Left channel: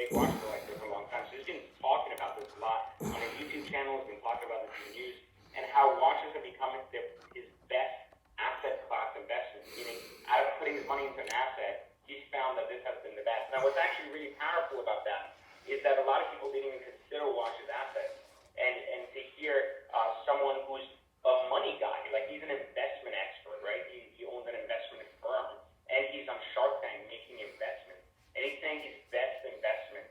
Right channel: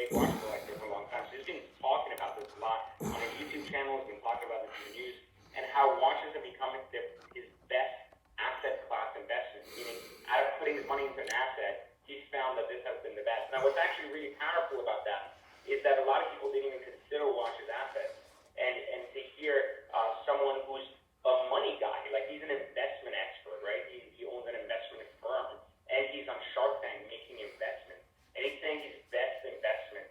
big watch collector for a long time, so he's been talking about this a lot on his YouTube channel. He's been talking about this in the news, and how watches are becoming his best asset class investment. Meaning, out of putting his money into an asset, he's found that this has been the best. Now, what's actually really powerful about that is that a lot of people didn't even consider watches assets, and to hear someone who's a money guy, like he's an investment expert, right? He owns an investment firm, and he's on Shark Tank making investments, and he's saying his best investment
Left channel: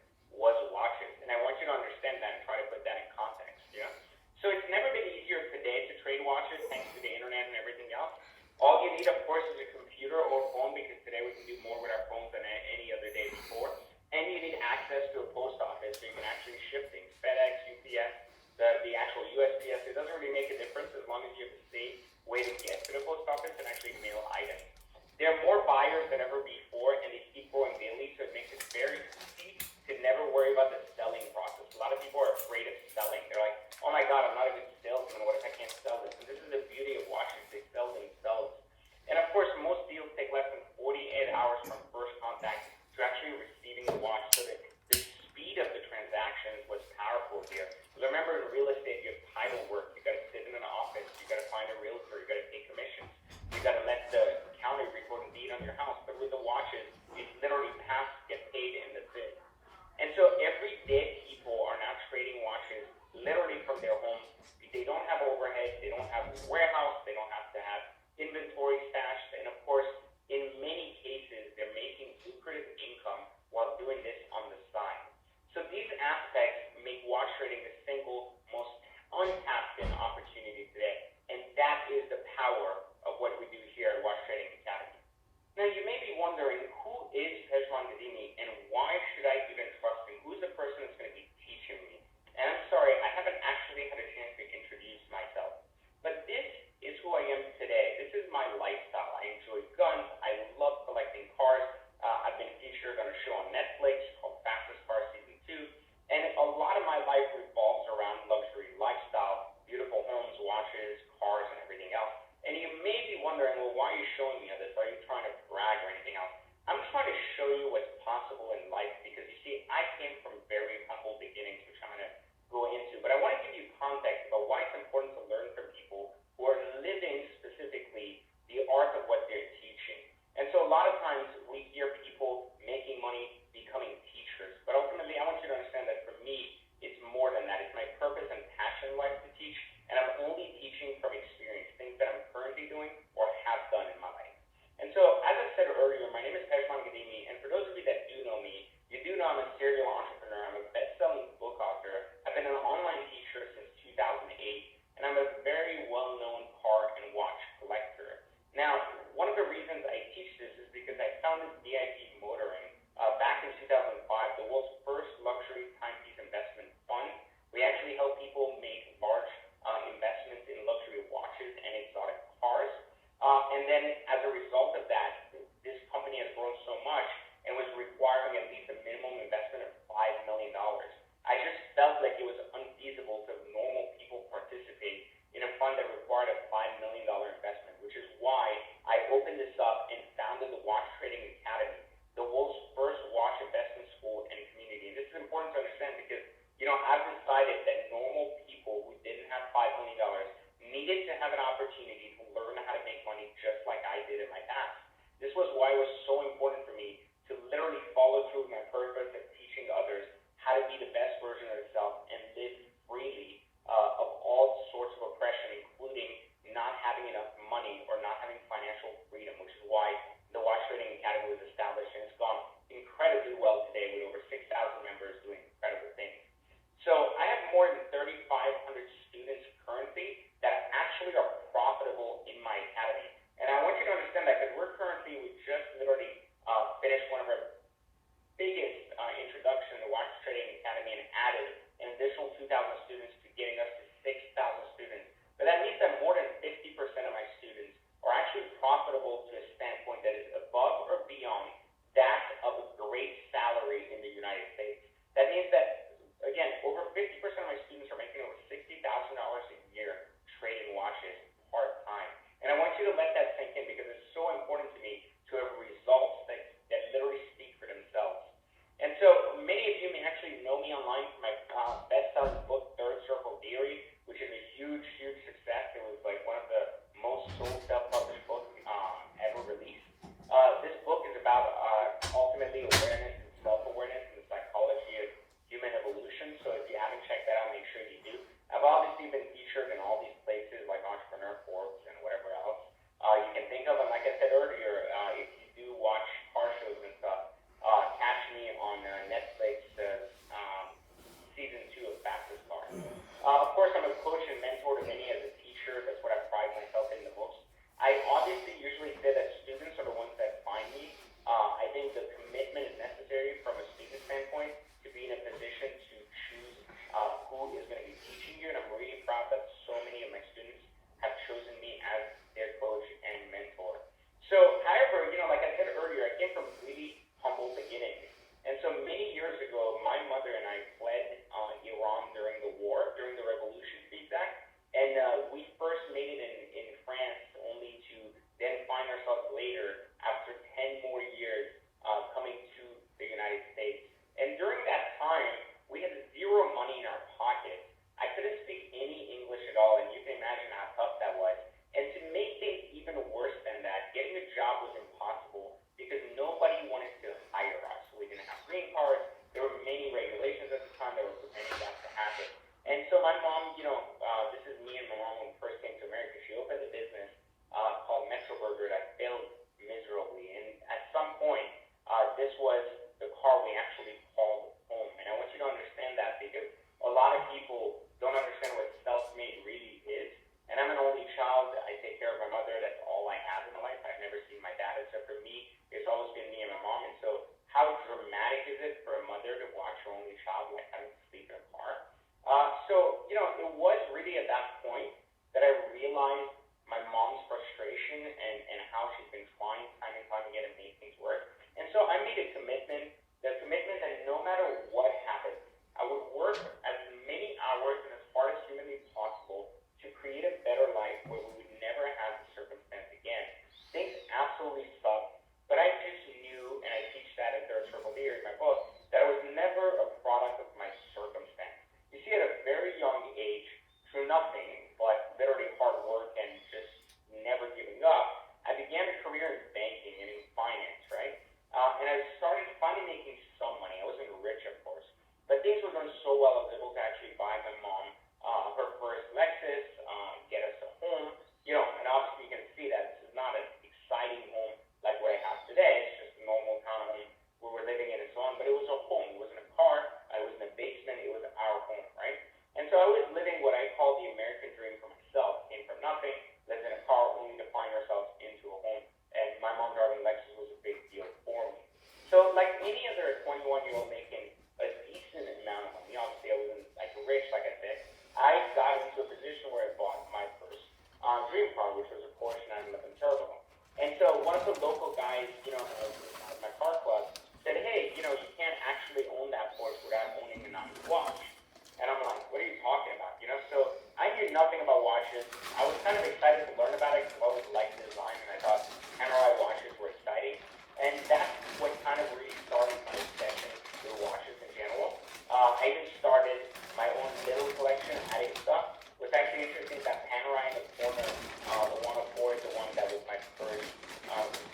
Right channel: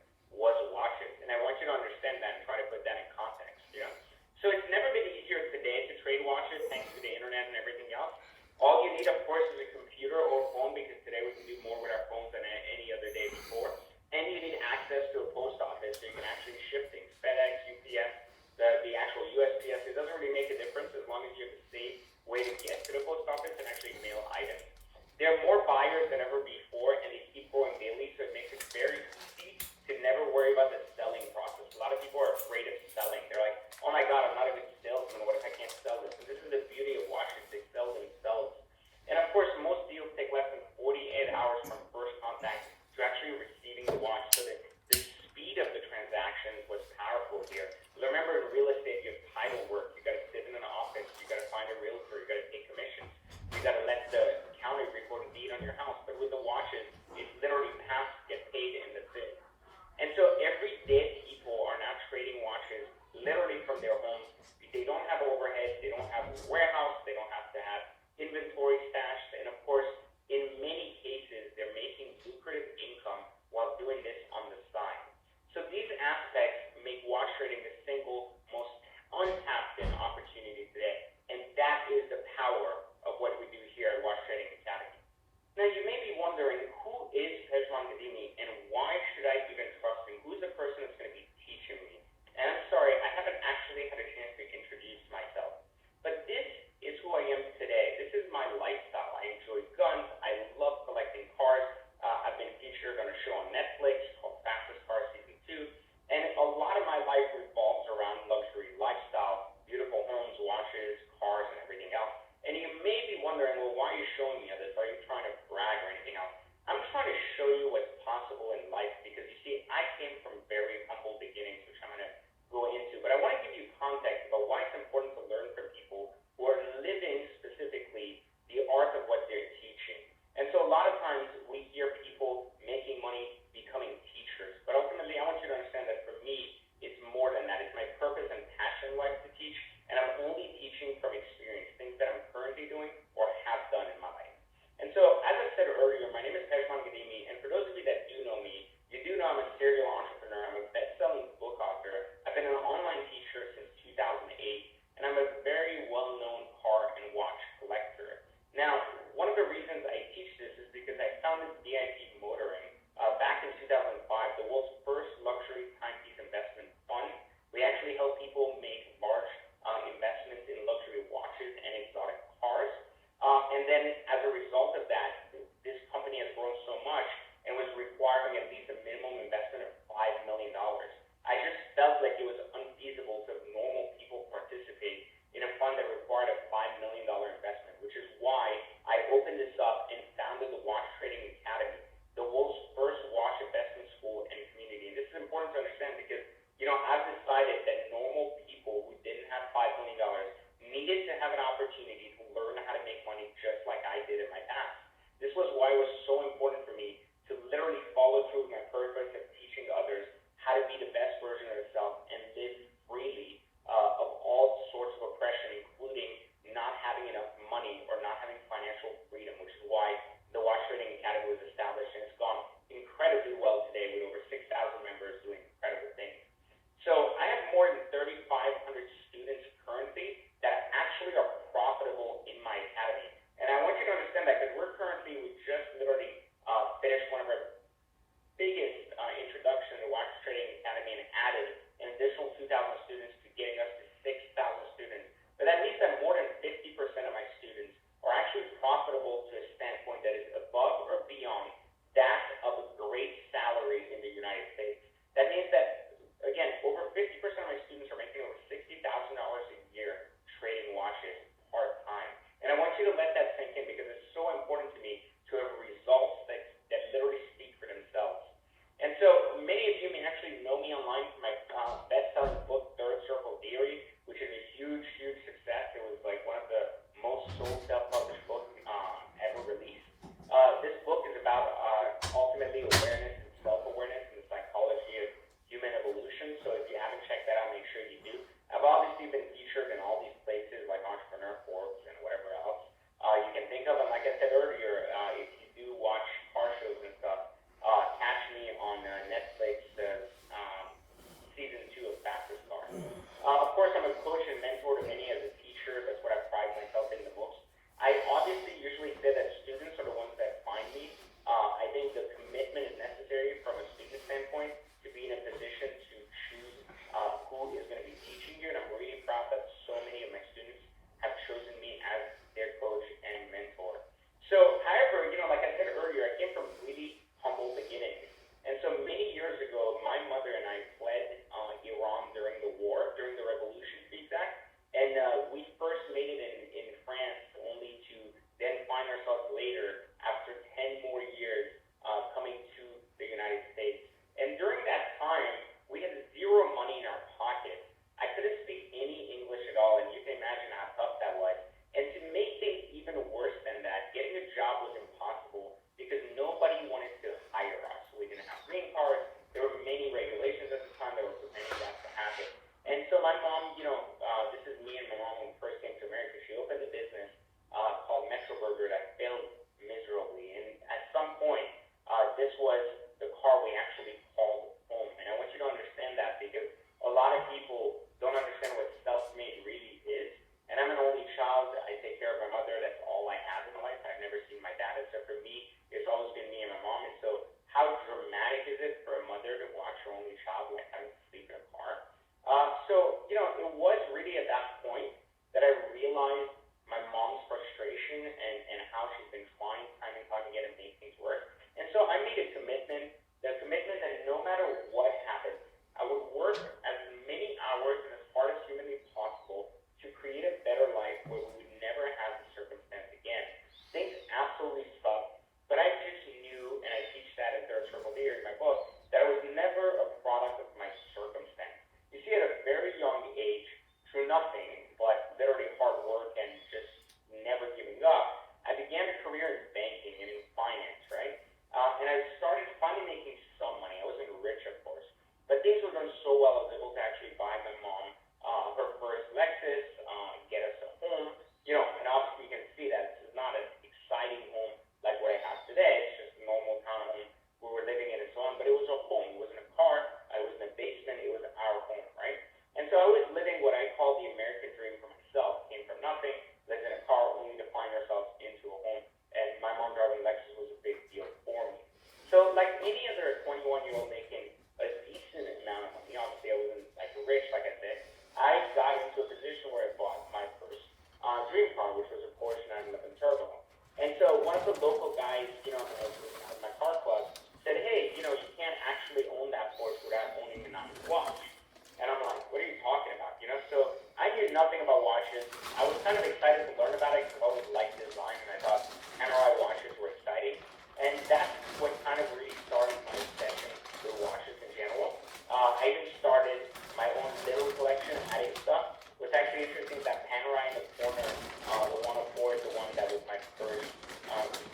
section at a stuff. What's actually interesting is that Panerai in the corner, the one before is the one that was my first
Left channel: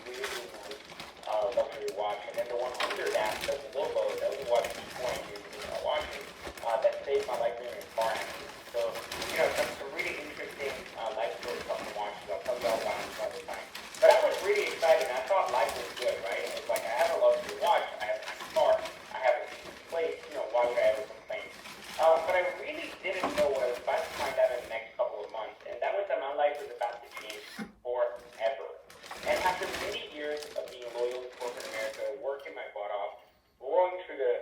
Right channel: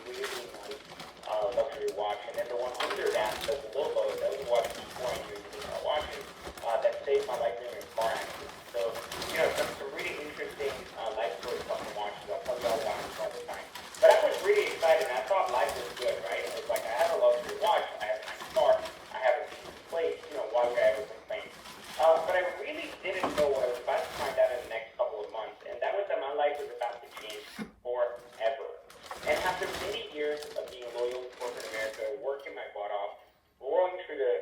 really nice luxury watch. And then the one under that, the logo, that was a watch before I knew watching, that saved my life during a car accident. So, you know, some really interesting life story fucking watches. I'll tell you all about it all the time. But I was really excited. I thought life was good, right? It's like I have a luxury watch, I have a car, I have a place, you know, why would I ever complain? But I really didn't know what I was about to find out in the next couple of months, and that was that my life was about to change forever. And after many years of being loyal to corporate America, working my butt off, going through the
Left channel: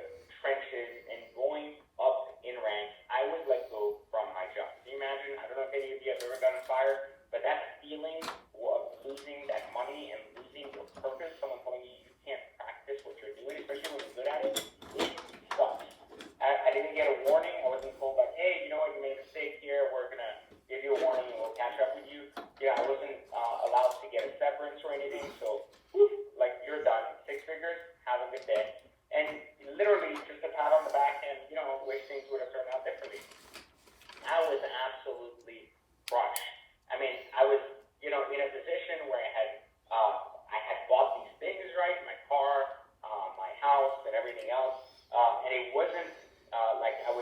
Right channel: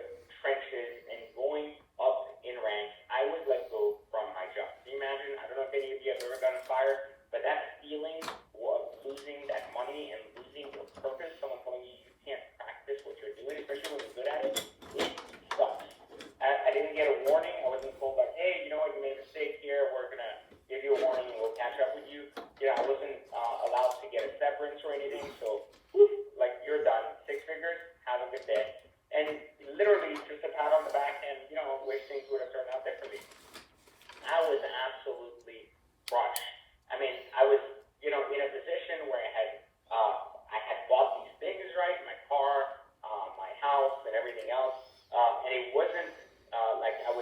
trenches and going up in ranks, I was let go from my job. Can you imagine? I don't know if any of you have ever gotten fired, but that feeling of losing that money and losing your purpose, someone telling you you can't practice what you're doing, especially when you're good at it, sucks. I didn't get a warning. I wasn't told like, hey, you know what, you made a mistake here. We're going to give you a warning and we'll catch up with you. You know, I wasn't allowed to get a severance or anything. So, like, you're done. 6 figures. Have a good day. And literally just a pat on the back and, you know, wish things would have turned out differently. I was absolutely crushed. I mean, I was, you know, in a position where I had bought these things, right? My car, my house, and everything else. And it wasn't like I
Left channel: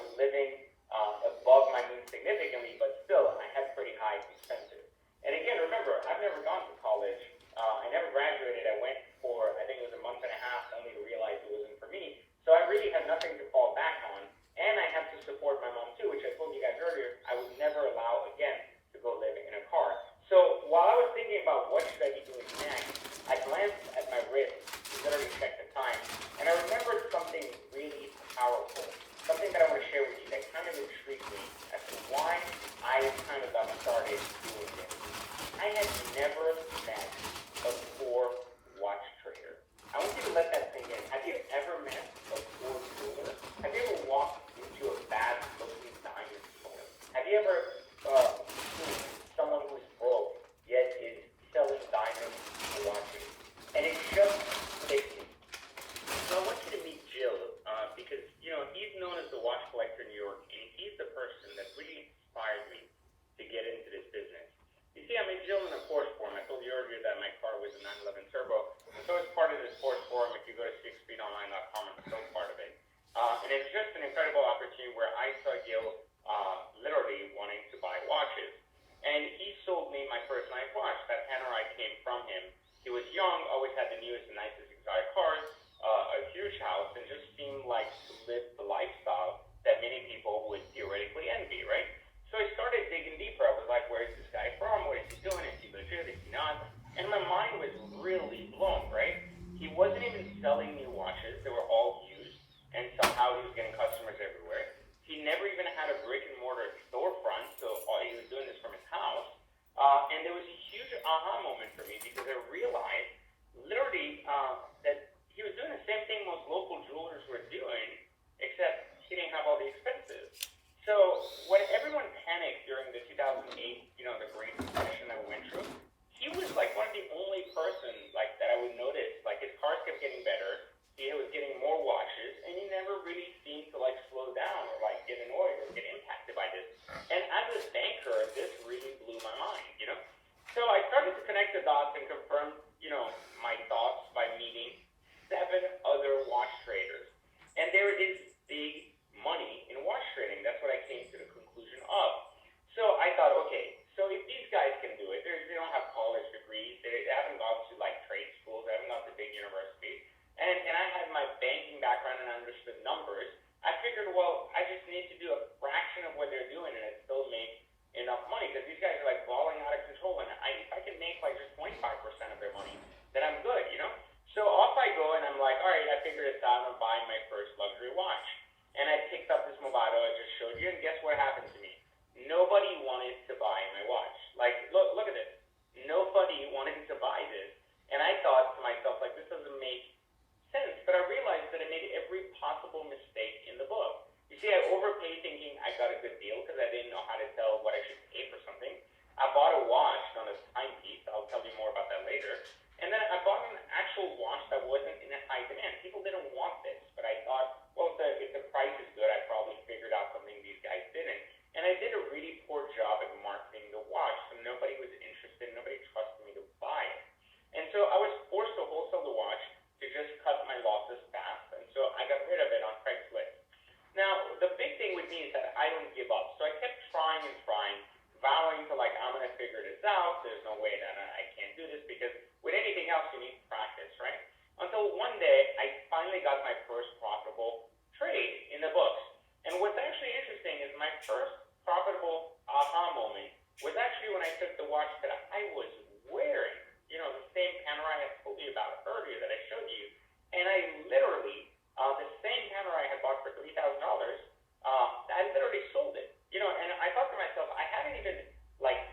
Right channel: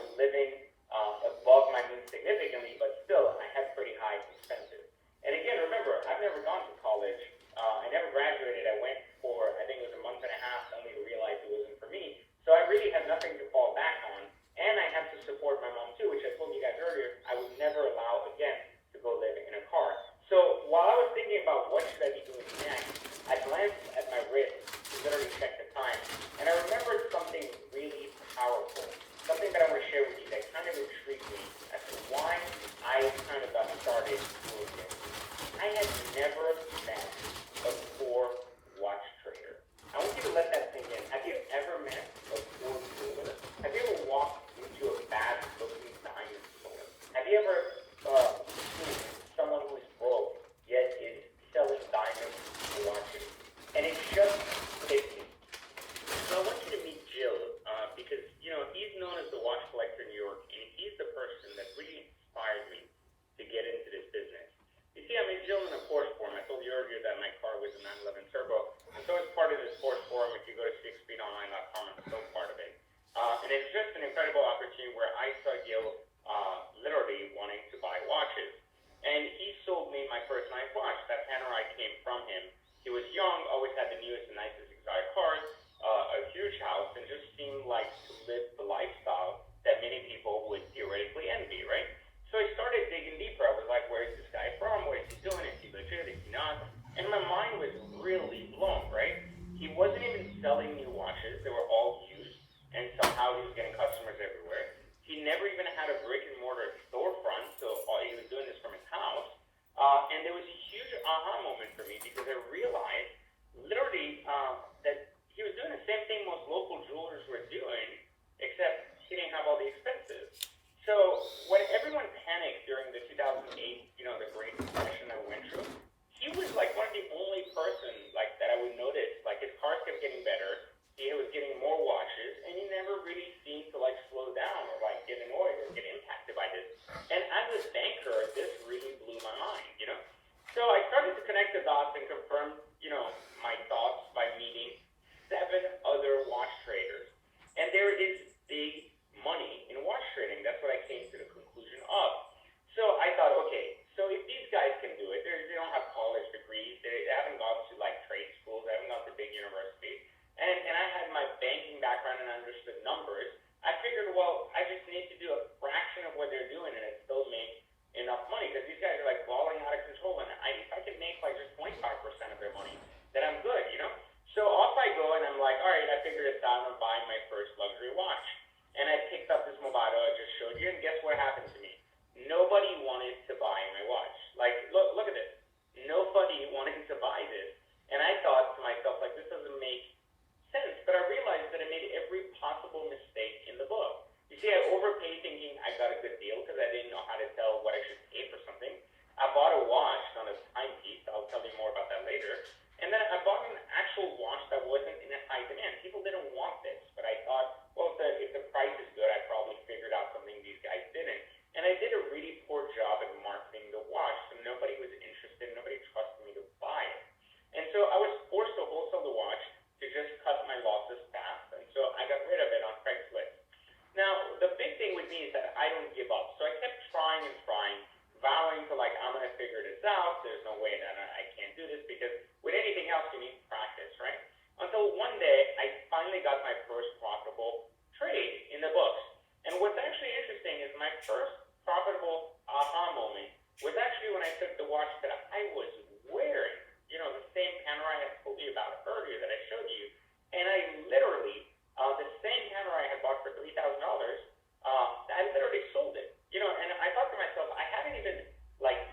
first profitable aha moment was actually when I took the watch that I was wearing, the same camera I had told you about earlier that I showed you, and I literally, the same camera I had bought for $3,000, I literally sold it, and I thought to myself, I hadn't even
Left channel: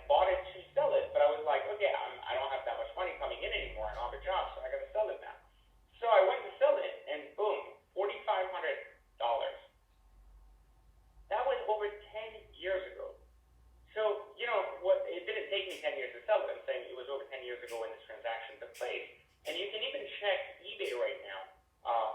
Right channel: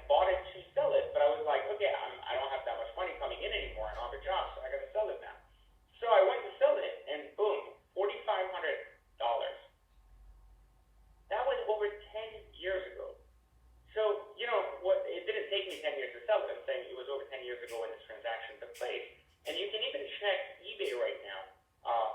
bought it to sell it, but I was like, okay, I don't have that much money coming in anymore, I don't have a job, so I got to sell it now. So I went to sell it, and boom, $4,500. That was over 10 years ago. So, what? It didn't take me 10 years to sell it. I'm saying it was over 10 years ago when this transaction took place. And you can even check eBay right now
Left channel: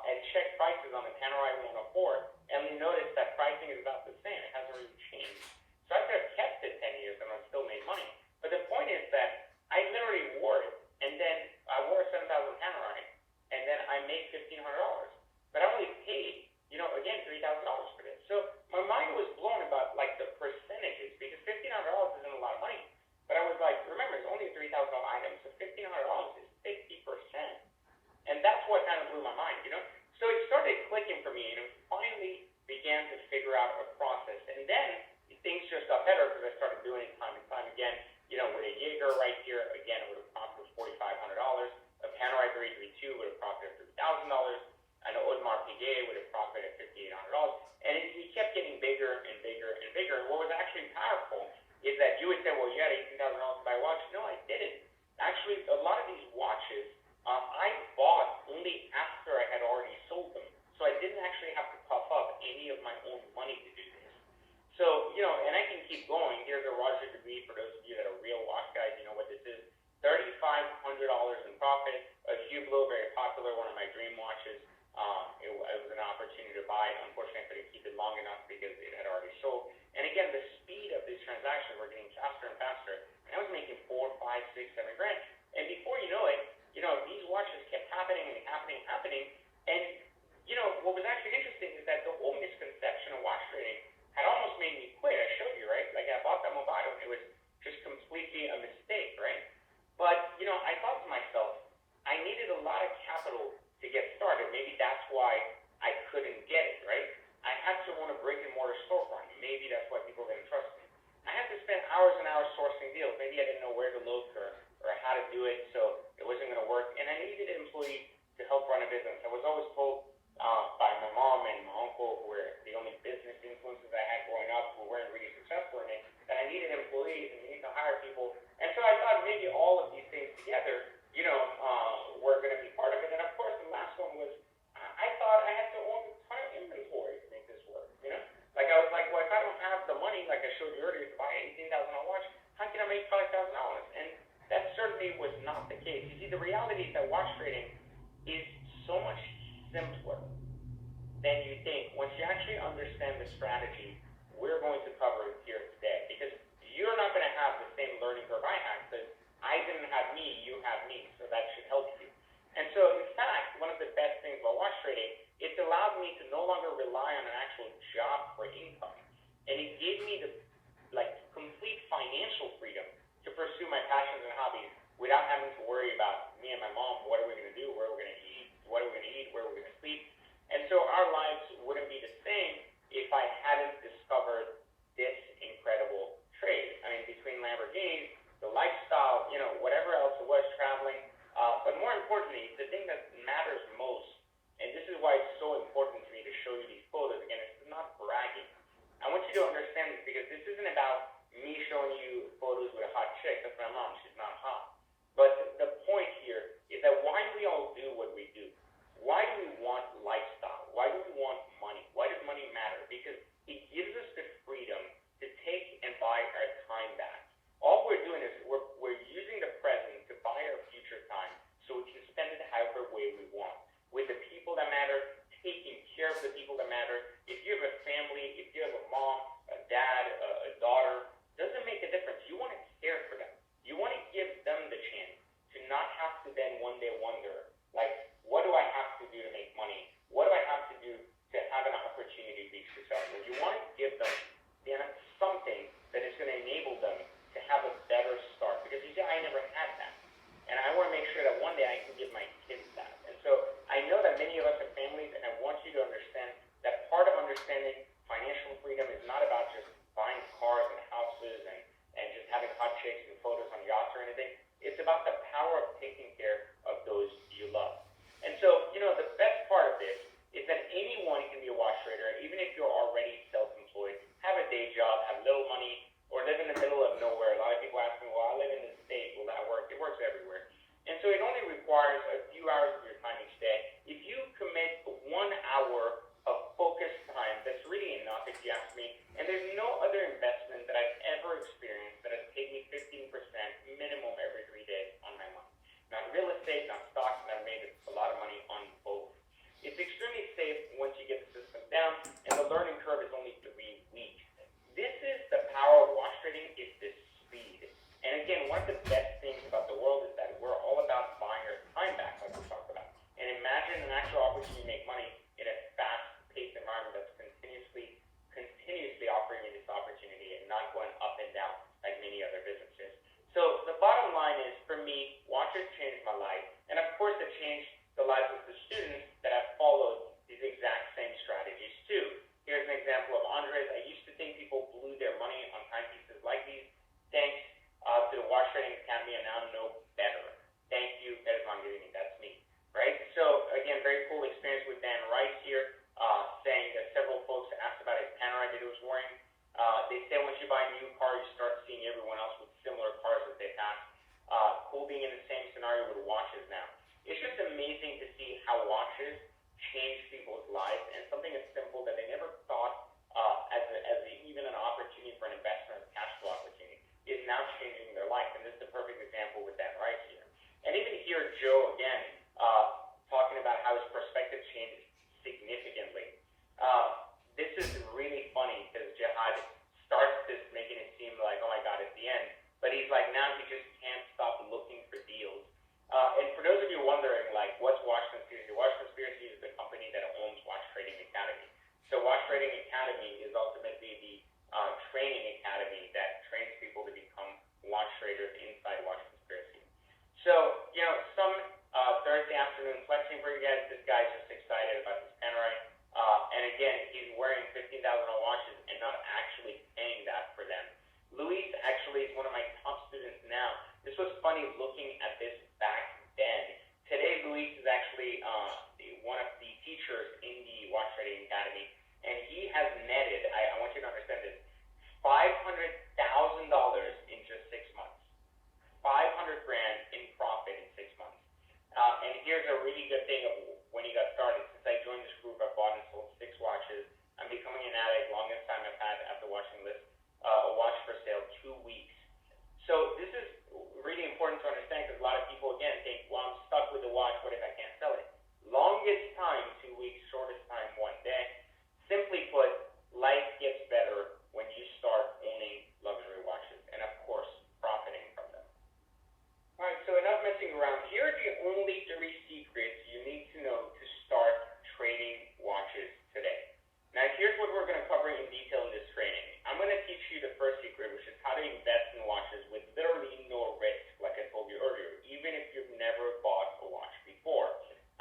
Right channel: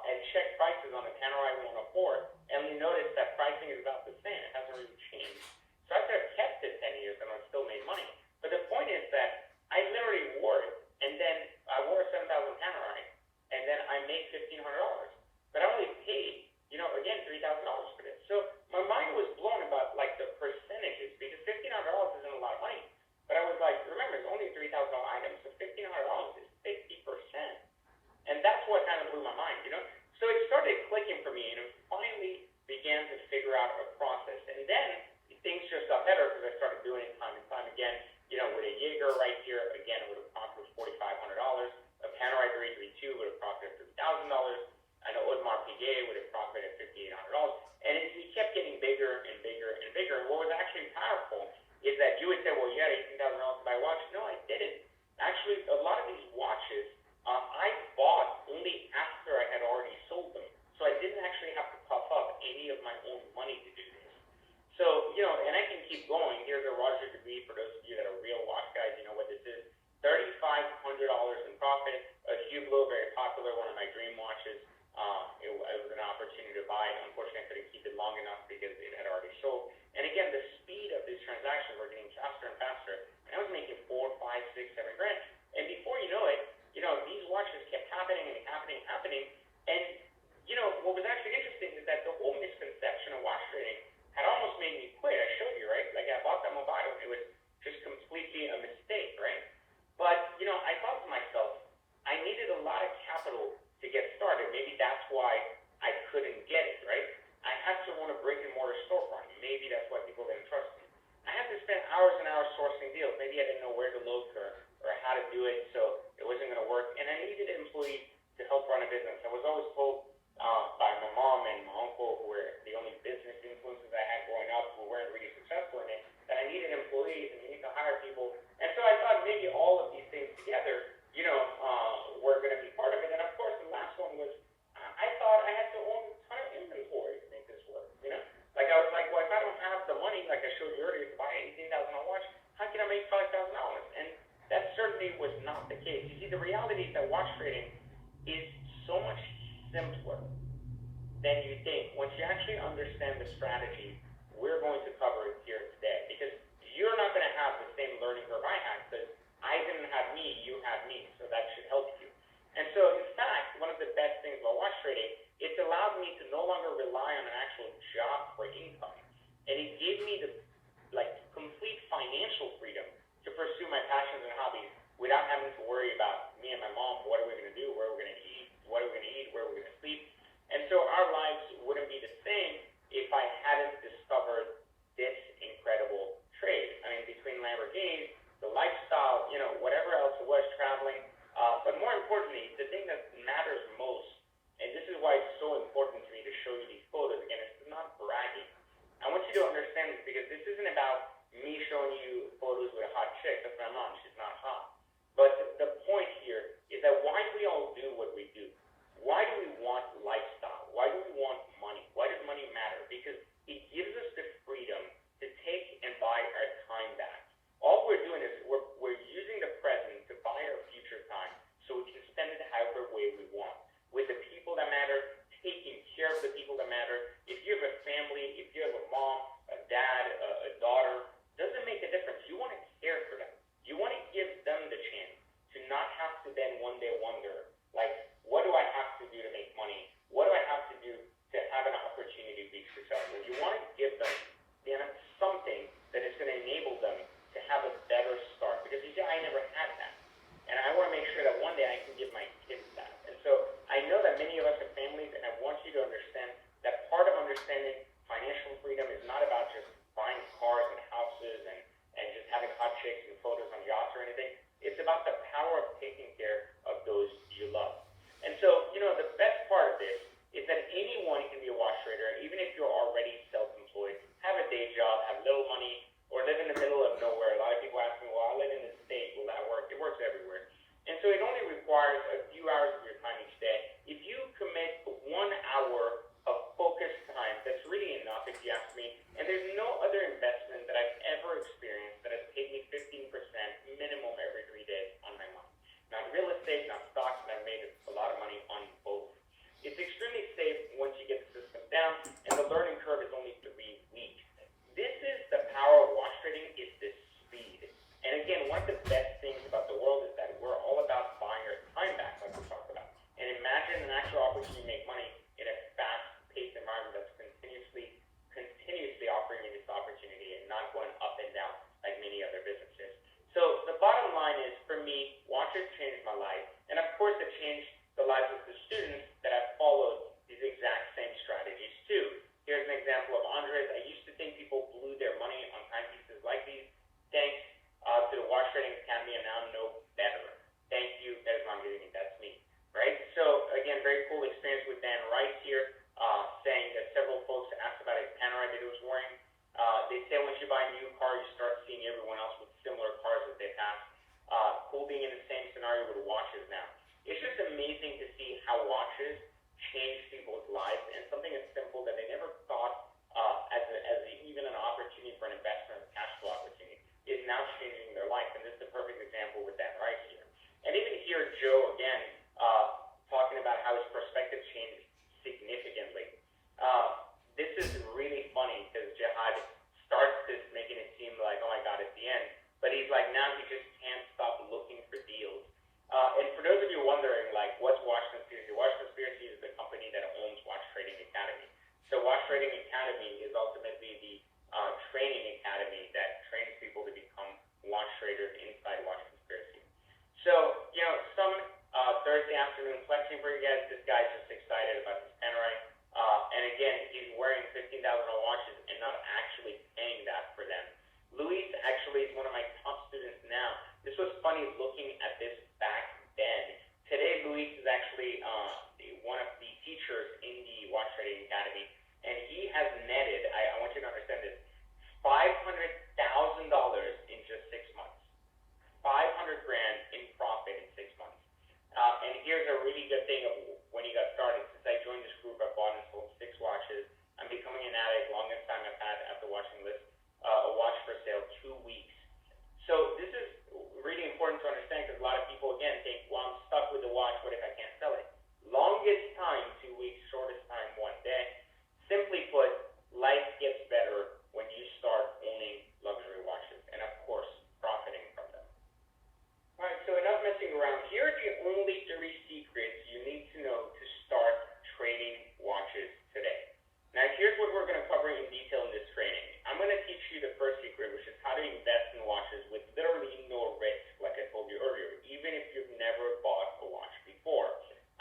and check prices on the camera I want to afford, and you notice that pricing is about the same. It hasn't really changed. So I could have kept it 10 years and I still made money. But the point is that I literally wore it, and then I wore a $7,000 camera on it, and then I made $1,500. But I only paid, again, $3,000 for this. So my mind was blown about the percentages, because $1,500 isn't a lot of money. But I was like, remember, it's only $3,000 items, so $1,500 is 50%. And that's what kind of blew my mind, So it started clicking for me, and it finally began to figure out a process. And then things just got better because I started doing it time and time again. With a Jaeger right here, again, it would have costed $4,500. A Panerai 332 would have costed $3,000. An Audemars Piguet would have profited $5,800, and we kept getting bigger and bigger and bigger. What was actually powerful is that you would say, well, you had $18,000 to buy a watch. No, I didn't. Actually, a lot of these watches I bought only after I had already sold them, so I didn't actually have to puff up any of my own money to do this. So, and I can keep going. Here's a Roger Dubuis, for those of you that are real watch guys, you know what this is. $3,500 in profit. A Hublot, very popular, one of my dream watches. It was an opportunity to buy. Unfortunately, I couldn't keep it long enough because it had already sold. And again, the speed of this transaction were getting faster and faster. And I was making $4, $5, $6, $7 grand. And before you know it, these watches kept happening and happening. And what was actually interesting is that the whole misconception of watch trading had almost made me quit. I showed you, right? I bought that mobile. It was just completely a mistake, right? But I thought to myself, I needed a lot of capital to get started. Maybe that's why I couldn't get it, right? I had to own a brick and mortar storefront. Maybe that's why people didn't trust me. I had to spend hours and hours sourcing deals. Maybe I didn't know where to look or how to do it, so it wasn't going to work. And I needed employees to help run a business. I was always told by my mom and my uncle, who were the only business influences I had growing up, who weren't really successful in it, that I needed employees and you need to hire people. And so I thought maybe all of these things together, were going to be part of it. And of course, the last one was, I thought I had to own a ton of inventory to make this work, I was like, well, if I don't have the money, like I showed you earlier, to buy $18,000 watch, how can I make $5,000? And that certainly was not the case. You see, the reality is that watch trading is so much simpler than you think. Once you actually understand the strategy, we're going to cover it here today, because you're not going to have the same learning curve I had, because I didn't have me, you had me, so that should help you. And so, in fact, one of the best things about watch trading, it's allowed me to no longer rely on an actual job for income. And it gave me the complete financial freedom to pursue my passions and hobbies without having to worry about me and my mom, what are we going to do, where are we going to eat, what are we going to eat, where are we going to sleep. And so our lives wouldn't be the same if I hadn't discovered this incredible trade. I mean, between Lamborghinis, the lifestyle, whatever else it was, traveling. But more importantly, the thing that matters most, and this is why it's so important to me to show you these photos. Again, it's not bragging. I want you to understand this, because this isn't about me showing you photos with a hot chick. That's my mom. She's not hot. But the point here is that why do we all do what we do? Why do we want lifestyle? Why do we want money? Why does money matter? Because it gives us the freedom to take and buy our time back. All we're doing is we're using the present to buy our future time, so we can spend it however way we want, with the people that matter, taking care of the people that matter. If you have a family, if you have a mom, a dad, a daughter, doesn't make a difference. You want to care for them. You want to give them the chance to not have to then one day wonder, what do I have to do to make money? What do I have to do to have an opportunity to be successful? You want to give them something that is going to enable them to have a better start. Because you see, I never had that. And I want to make sure that one day I can give my kids that. And so I know that many of us have families, and I want you to understand that part of understanding financial freedom is not about just example of Andres. I used to think people blew their money on timepieces like these. Thanks to the Watch Trading Academy, I now know better. Thank you, that is not giving me, that's me, right? So again, very cool experience with Dan Rice here, saying that several folks asked about his Panerai that he was wearing. They say once you buy a new car, you start seeing everyone else with similar cars that they have. Cool being in the same scenario with watches now. It's just amazing to see how watches change people's lives, and something as simple that they never thought as even an opportunity for an investment, a cash flow opportunity, is now changing their life. And this is a perfect example with Dan Rice here. And even here, Joe, again, talking about how his perspective changed significantly. This is really funny because Jihad starts this making it seem like, oh my God, it's the end. But he's like, now he just can't stop looking for deals. And for those of you wondering, like, what's Watch Conspiracy? Watch Conspiracy is the company that owns Watch Trading Academy. So Watch Trading Academy is ultimately the training academy that trains people to become watch traders inside Watch Conspiracy. So, some Thursday afternoon flexing for you guys. This guy's just excited about this Panerai. And again, he's wearing $15,000 watches and not actually paying that for them. Luis actually is one of my top students now. This was funny looking at this back then. Today, Luis is actually one of the teachers in the Watch Trading Academy, and he has netted, I want you to understand this, $500,000 in just 6 months. 500 grand in profit in 6 months. And here's a really good thing of when he got started. Since I joined this group, I've bought and sold 6 watches. I'm becoming an addict. Longest time I've had after watching this, a watch for sale, 2 weeks. So this is really important to understand because a lot of people, again, think, well, I'm stuck with the watch. What if I can't sell it? Longest time, 2 weeks. Shortest time, 1 day. Simply put, life gets better when you start owning luxury watches and, of course, profiting from them. All right, so enough messing around. Here are the only 3 secrets you need to know to start trading watches today. Now, here's what we're going to cover in detail in this training. I'm going to teach you the first secret, which is how to invest in watches with literally no risk, like I told you earlier, even if you've never bought a watch before.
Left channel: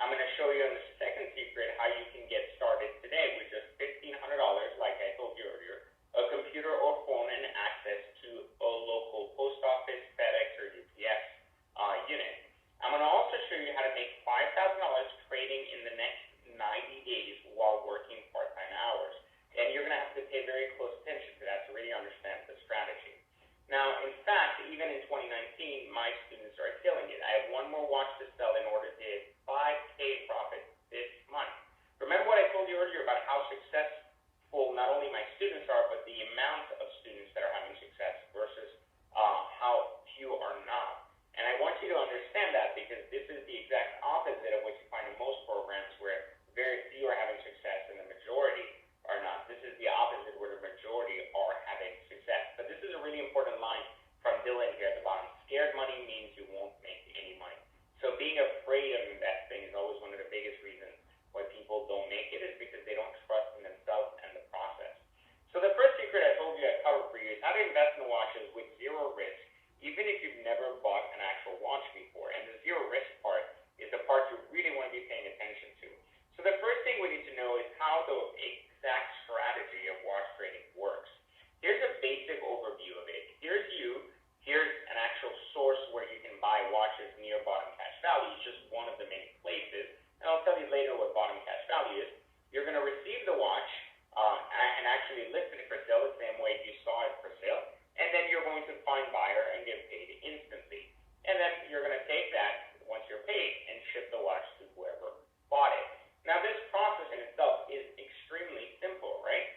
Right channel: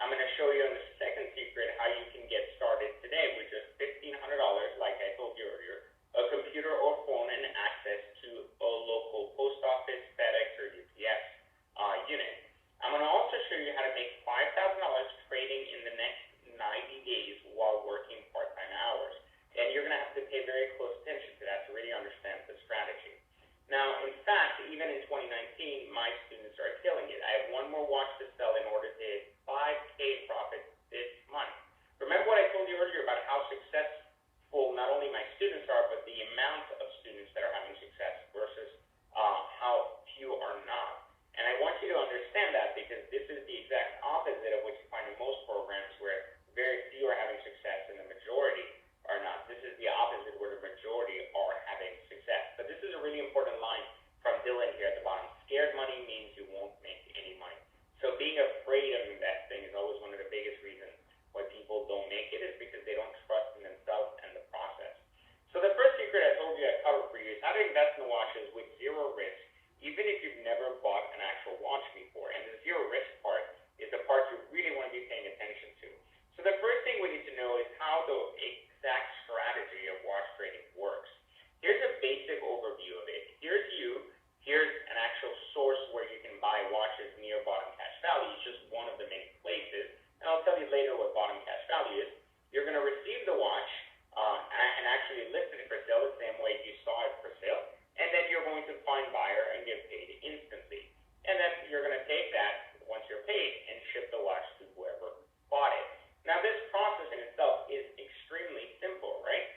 I'm going to show you in the second secret how you can get started today with just $1,500, like I told you earlier, a computer or phone, and access to a local post office, FedEx, or UPS unit. I'm going to also show you how to make $5,000 trading in the next 90 days while working part-time hours. And you're going to have to pay very close attention to that to really understand the strategy. Now, in fact, even in 2019, my students are killing it. I have one more watch to sell in order to hit 5K profit this month. Remember what I told you earlier about how successful not only my students are, but the amount of students that are having success versus how few are not. And I want you to understand that because this is the exact opposite of what you find in most programs where very few are having success and the majority are not. This is the opposite where the majority are having success. But this is a really important line from Dylan here at the bottom. Scared money means you won't make any money. So being afraid of investing is always one of the biggest reasons why people don't make it, is because they don't trust in themselves and the process. So the first secret I told you I covered for you is how to invest in watches with zero risk, even if you've never bought an actual watch before. And the zero risk part is the part you really want to be paying attention to. So the first thing we need to know is how the exact strategy of watch trading works. Here's a basic overview of it. Here's an actual source where you can buy watches near bottom cash value. It's just one of the main places. And I'll tell you later what bottom cash value is. You're going to receive the watch and actually list it for sale the same way you saw it for sale. And then you're going to find buyer and get paid instantly. And then you're going to take that once you're paid and ship the watch to whoever bought it. Now, this process in itself is extremely simple, right?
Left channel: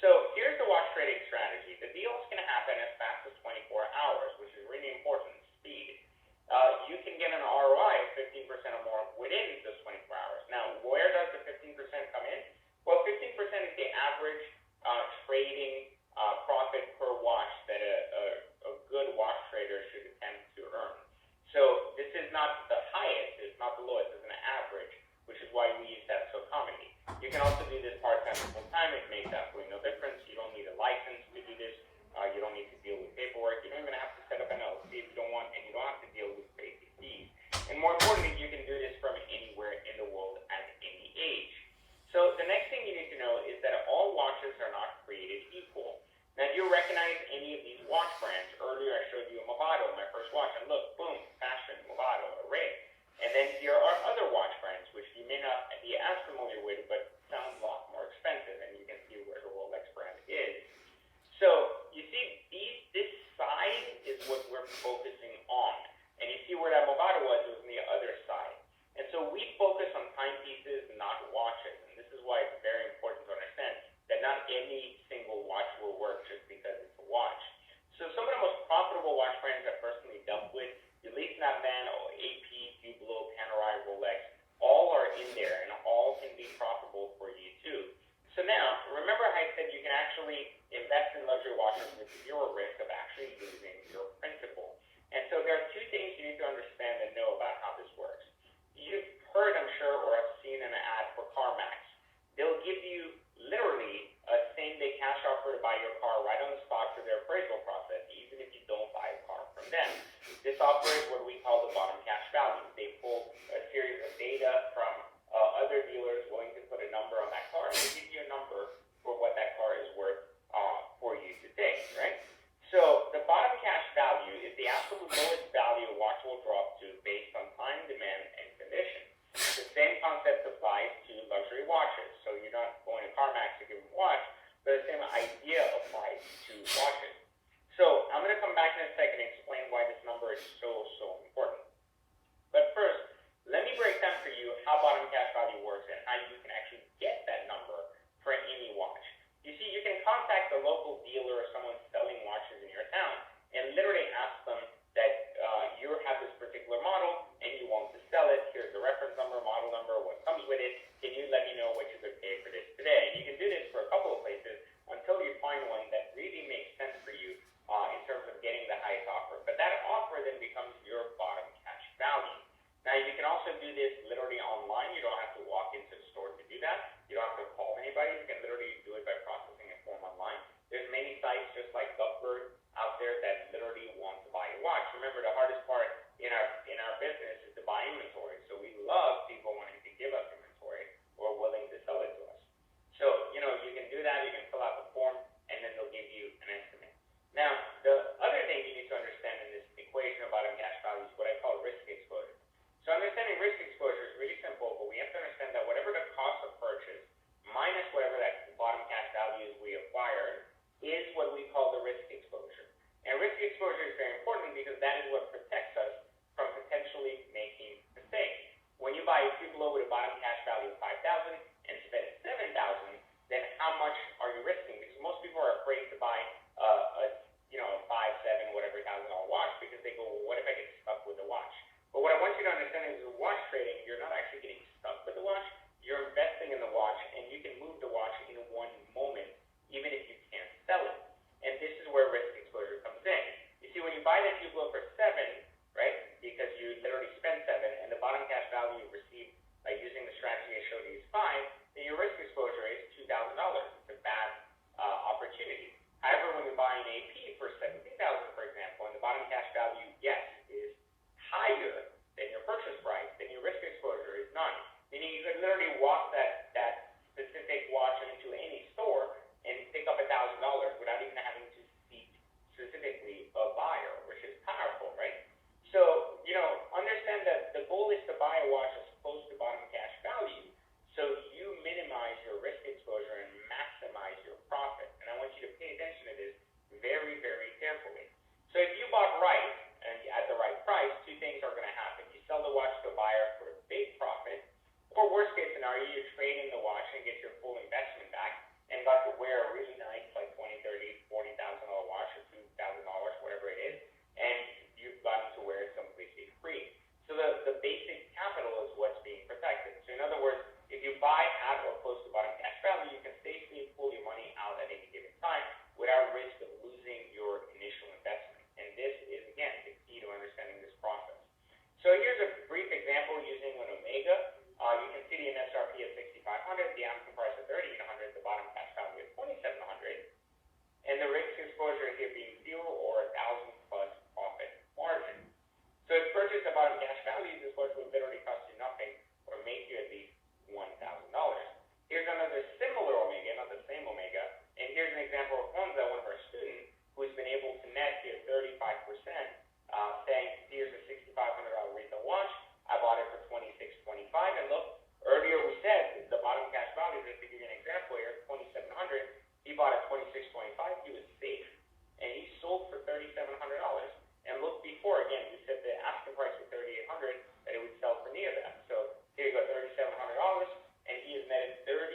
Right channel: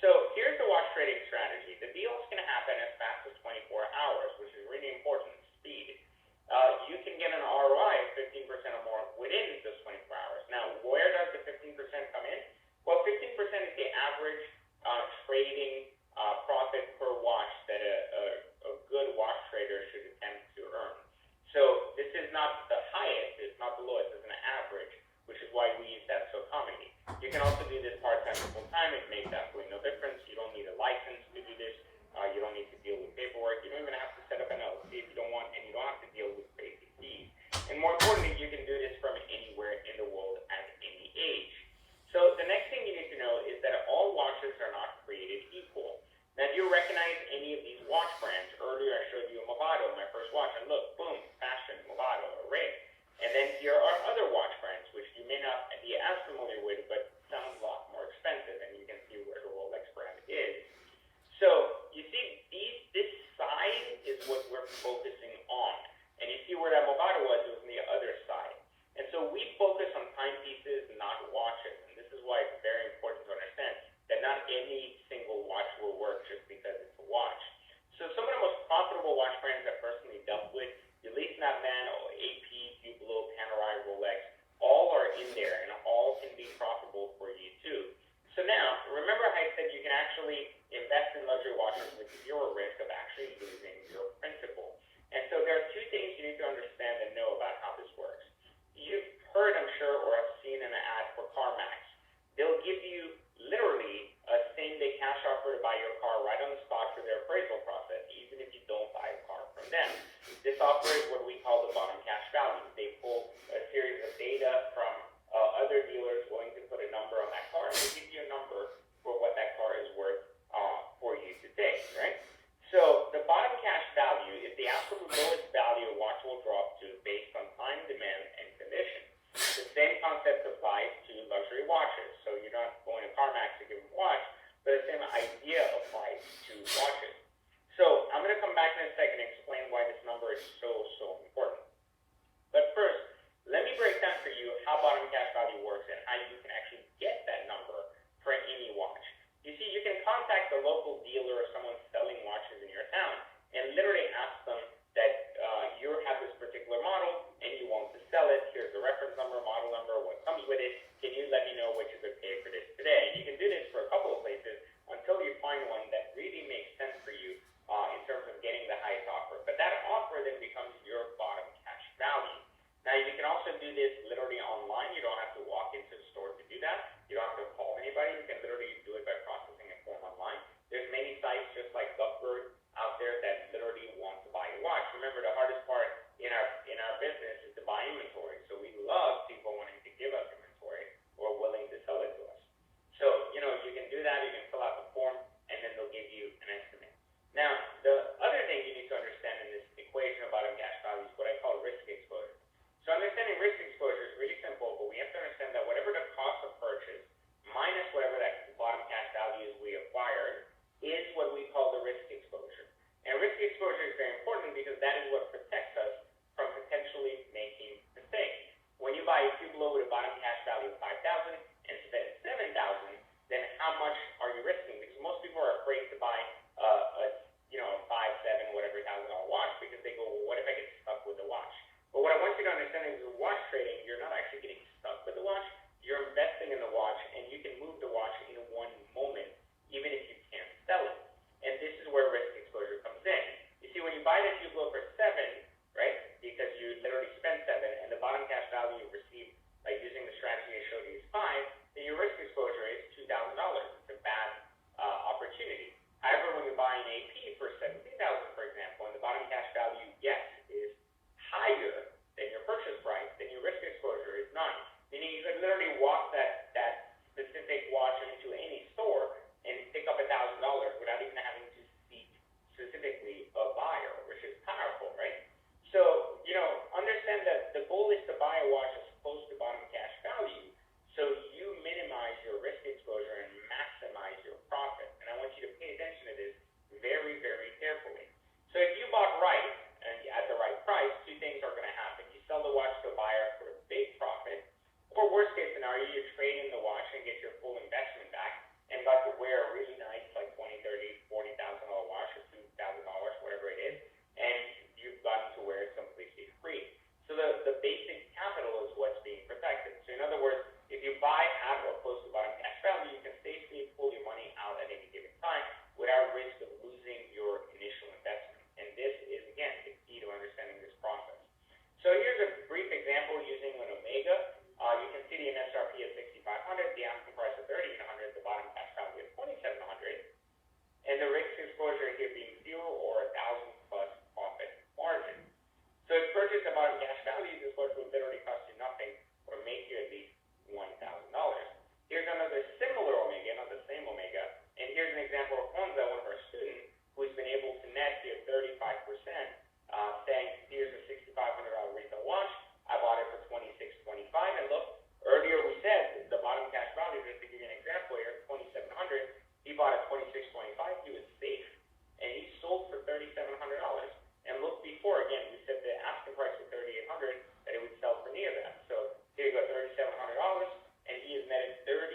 So here's the watch trading strategy. The deal is going to happen as fast as 24 hours, which is really important, speed. You can get an ROI of 15% or more within those 24 hours. Now, where does the 15% come in? Well, 15% is the average trading dealer or someone selling watches in your town and literally ask them that you have this particular model and you want to sell it. Here's the reference number, model number, what comes with it. Can you let me know what you could pay for this today? And you can do this for a couple of places until you find one that really makes sense for you in terms of getting the highest offer. But that offer then becomes your bottom cash value. Now, you can also do this literally online. You don't have to walk into the store to do that. You don't have to call anybody. You can literally do it by processing a form online. There's many sites just like Gupford out there that literally want to buy your watch. Remember, the hardest part in our business is to buy inventory. So we love people wanting to give us inventory or willing to sell it to us. So, you can do that. You can fill out the form, and then they'll give you an estimate. Now, the other thing you need to understand in this equation of bottom cash value is what I call risk exposure. So understanding risk exposure is really simple, but we have to understand that whatever the cost of purchase minus whatever that bottom cash value is we acquired is what we call the risk exposure. And risk exposure is very important because that is what protects us from potentially making mistakes. When you buy a Hublot with a bottom cash value of $5,000 and spend $7,000, then how much are you risking? Because most people are afraid to buy a 5, 7, whatever $1,000 watch because they go, well, what if I get stuck with the watch? But what I want you to understand is with watch trading, you're not actually getting stuck with the watch. You're investing in the watch, and you can move the watch in one moment, even if you can't sell it. And this is where risk exposure comes in. You see, when you buy that Hublot for 7, right, because you literally spent 7, and the bottom cash value you received by using the strategy I showed you is 5, then your risk exposure is $2,000. It's a bad opportunity. However, when you buy an AP for $17,000, for example, and the bottom cash value, yes, is higher than your purchase price, then your risk exposure is 9. Meaning you could literally walk that specific watch into any store and pick up $1,000 without even having to seek specifically a buyer, which is powerful, right? So, understand that the goal is to buy a watch as close to bottom cash value so you minimize your risk exposure and maximize your profit. And I want you to pay attention to this very, very carefully. So if you bought right and at the right price, two things are going to happen. You sell the watch to a buyer for a big profit, or worst case scenario, you trade in the watch and get your full investment back and got to wear a really nice, like $20,000, $30,000, $40,000 watch or $2,000, whatever it is, and you've gotten to wear it completely free. So the basic capital is what's being protected. So in other words, if you buy at or close to bottom cash value, you can safely pull your money out at any given time without risk of losing your initial investment. And this is, again, the key to understanding this process. So here's a brief example using an Omega. You can see the MSRP of 6,500, the asking price of 3,800, the bottom cash value of 2,700, and the risk exposure here being 0 or 1,000 plus profit margin. So if purchase at bottom cash value, this watch will literally cost you nothing or make you at least $1,000. Here's another similar Omega, not the same Omega, and here's an example of one that was our student who's been able to net get 35%, saying, here's a $6,500 retail watch. I bought it for $2,625, and look, earlier we said the bottom cash value, just to give you an example here, $2,700. He bought it $2,625. He was safe, and he sold for $3,700. And look, before again, we said the asking price was $3,800, that it would sell for near that. So here you go, $3,700, and he has netted 35%,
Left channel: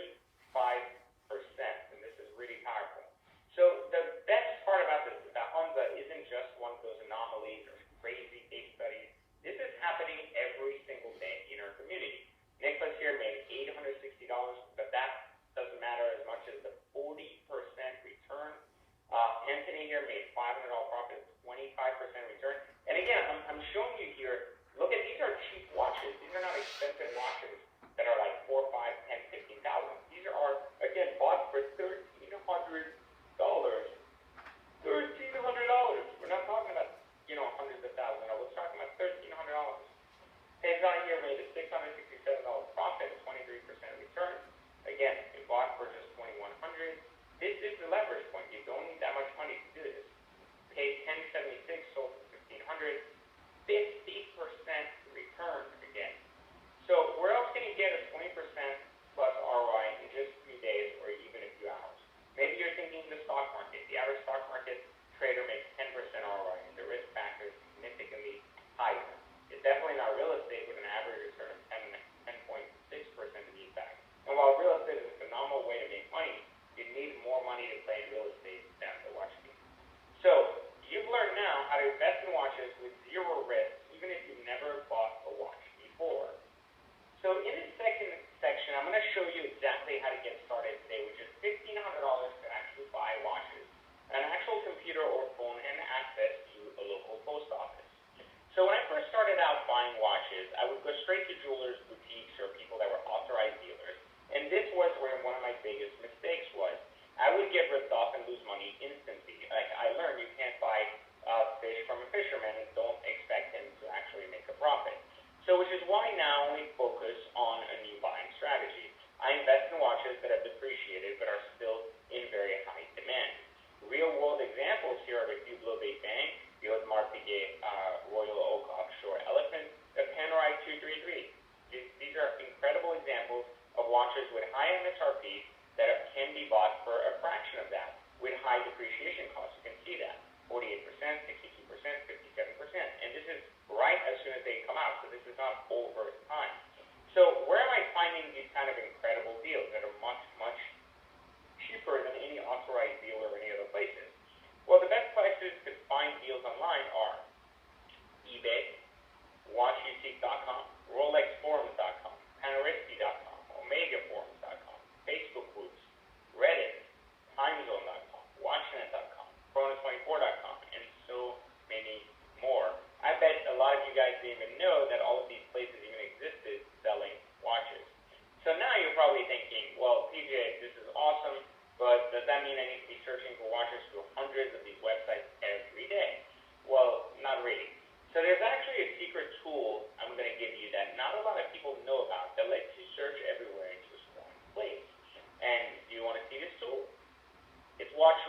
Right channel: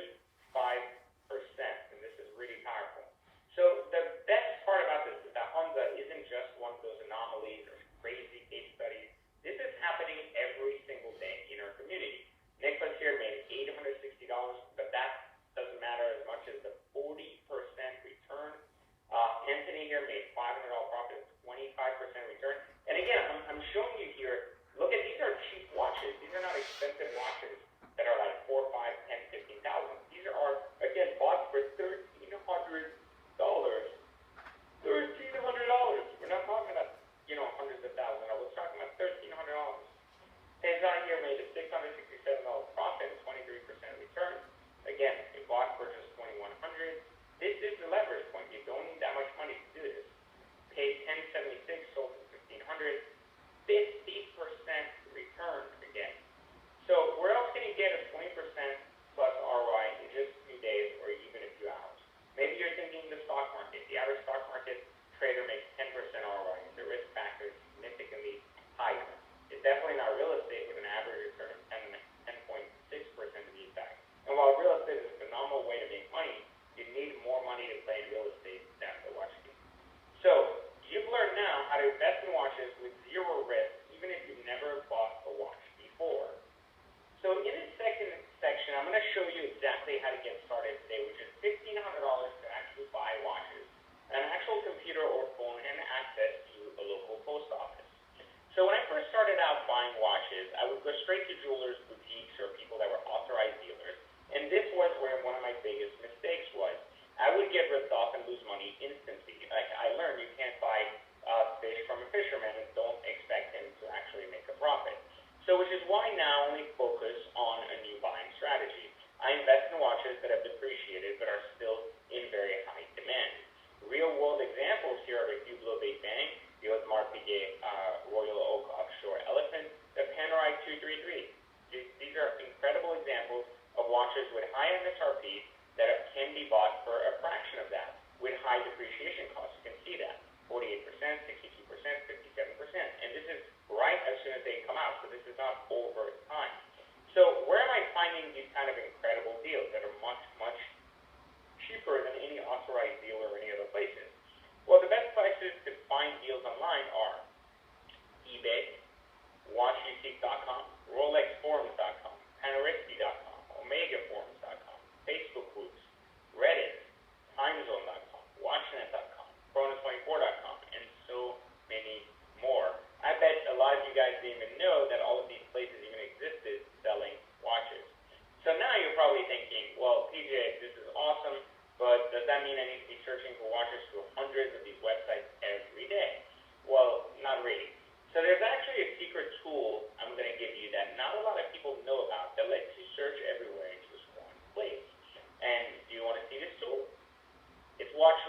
and this is really powerful. So the best part about this is that Hamza isn't just one of those anomalies or crazy case studies. This is happening every single day in our community. Nicholas here made $860, but that doesn't matter as much as the 40% return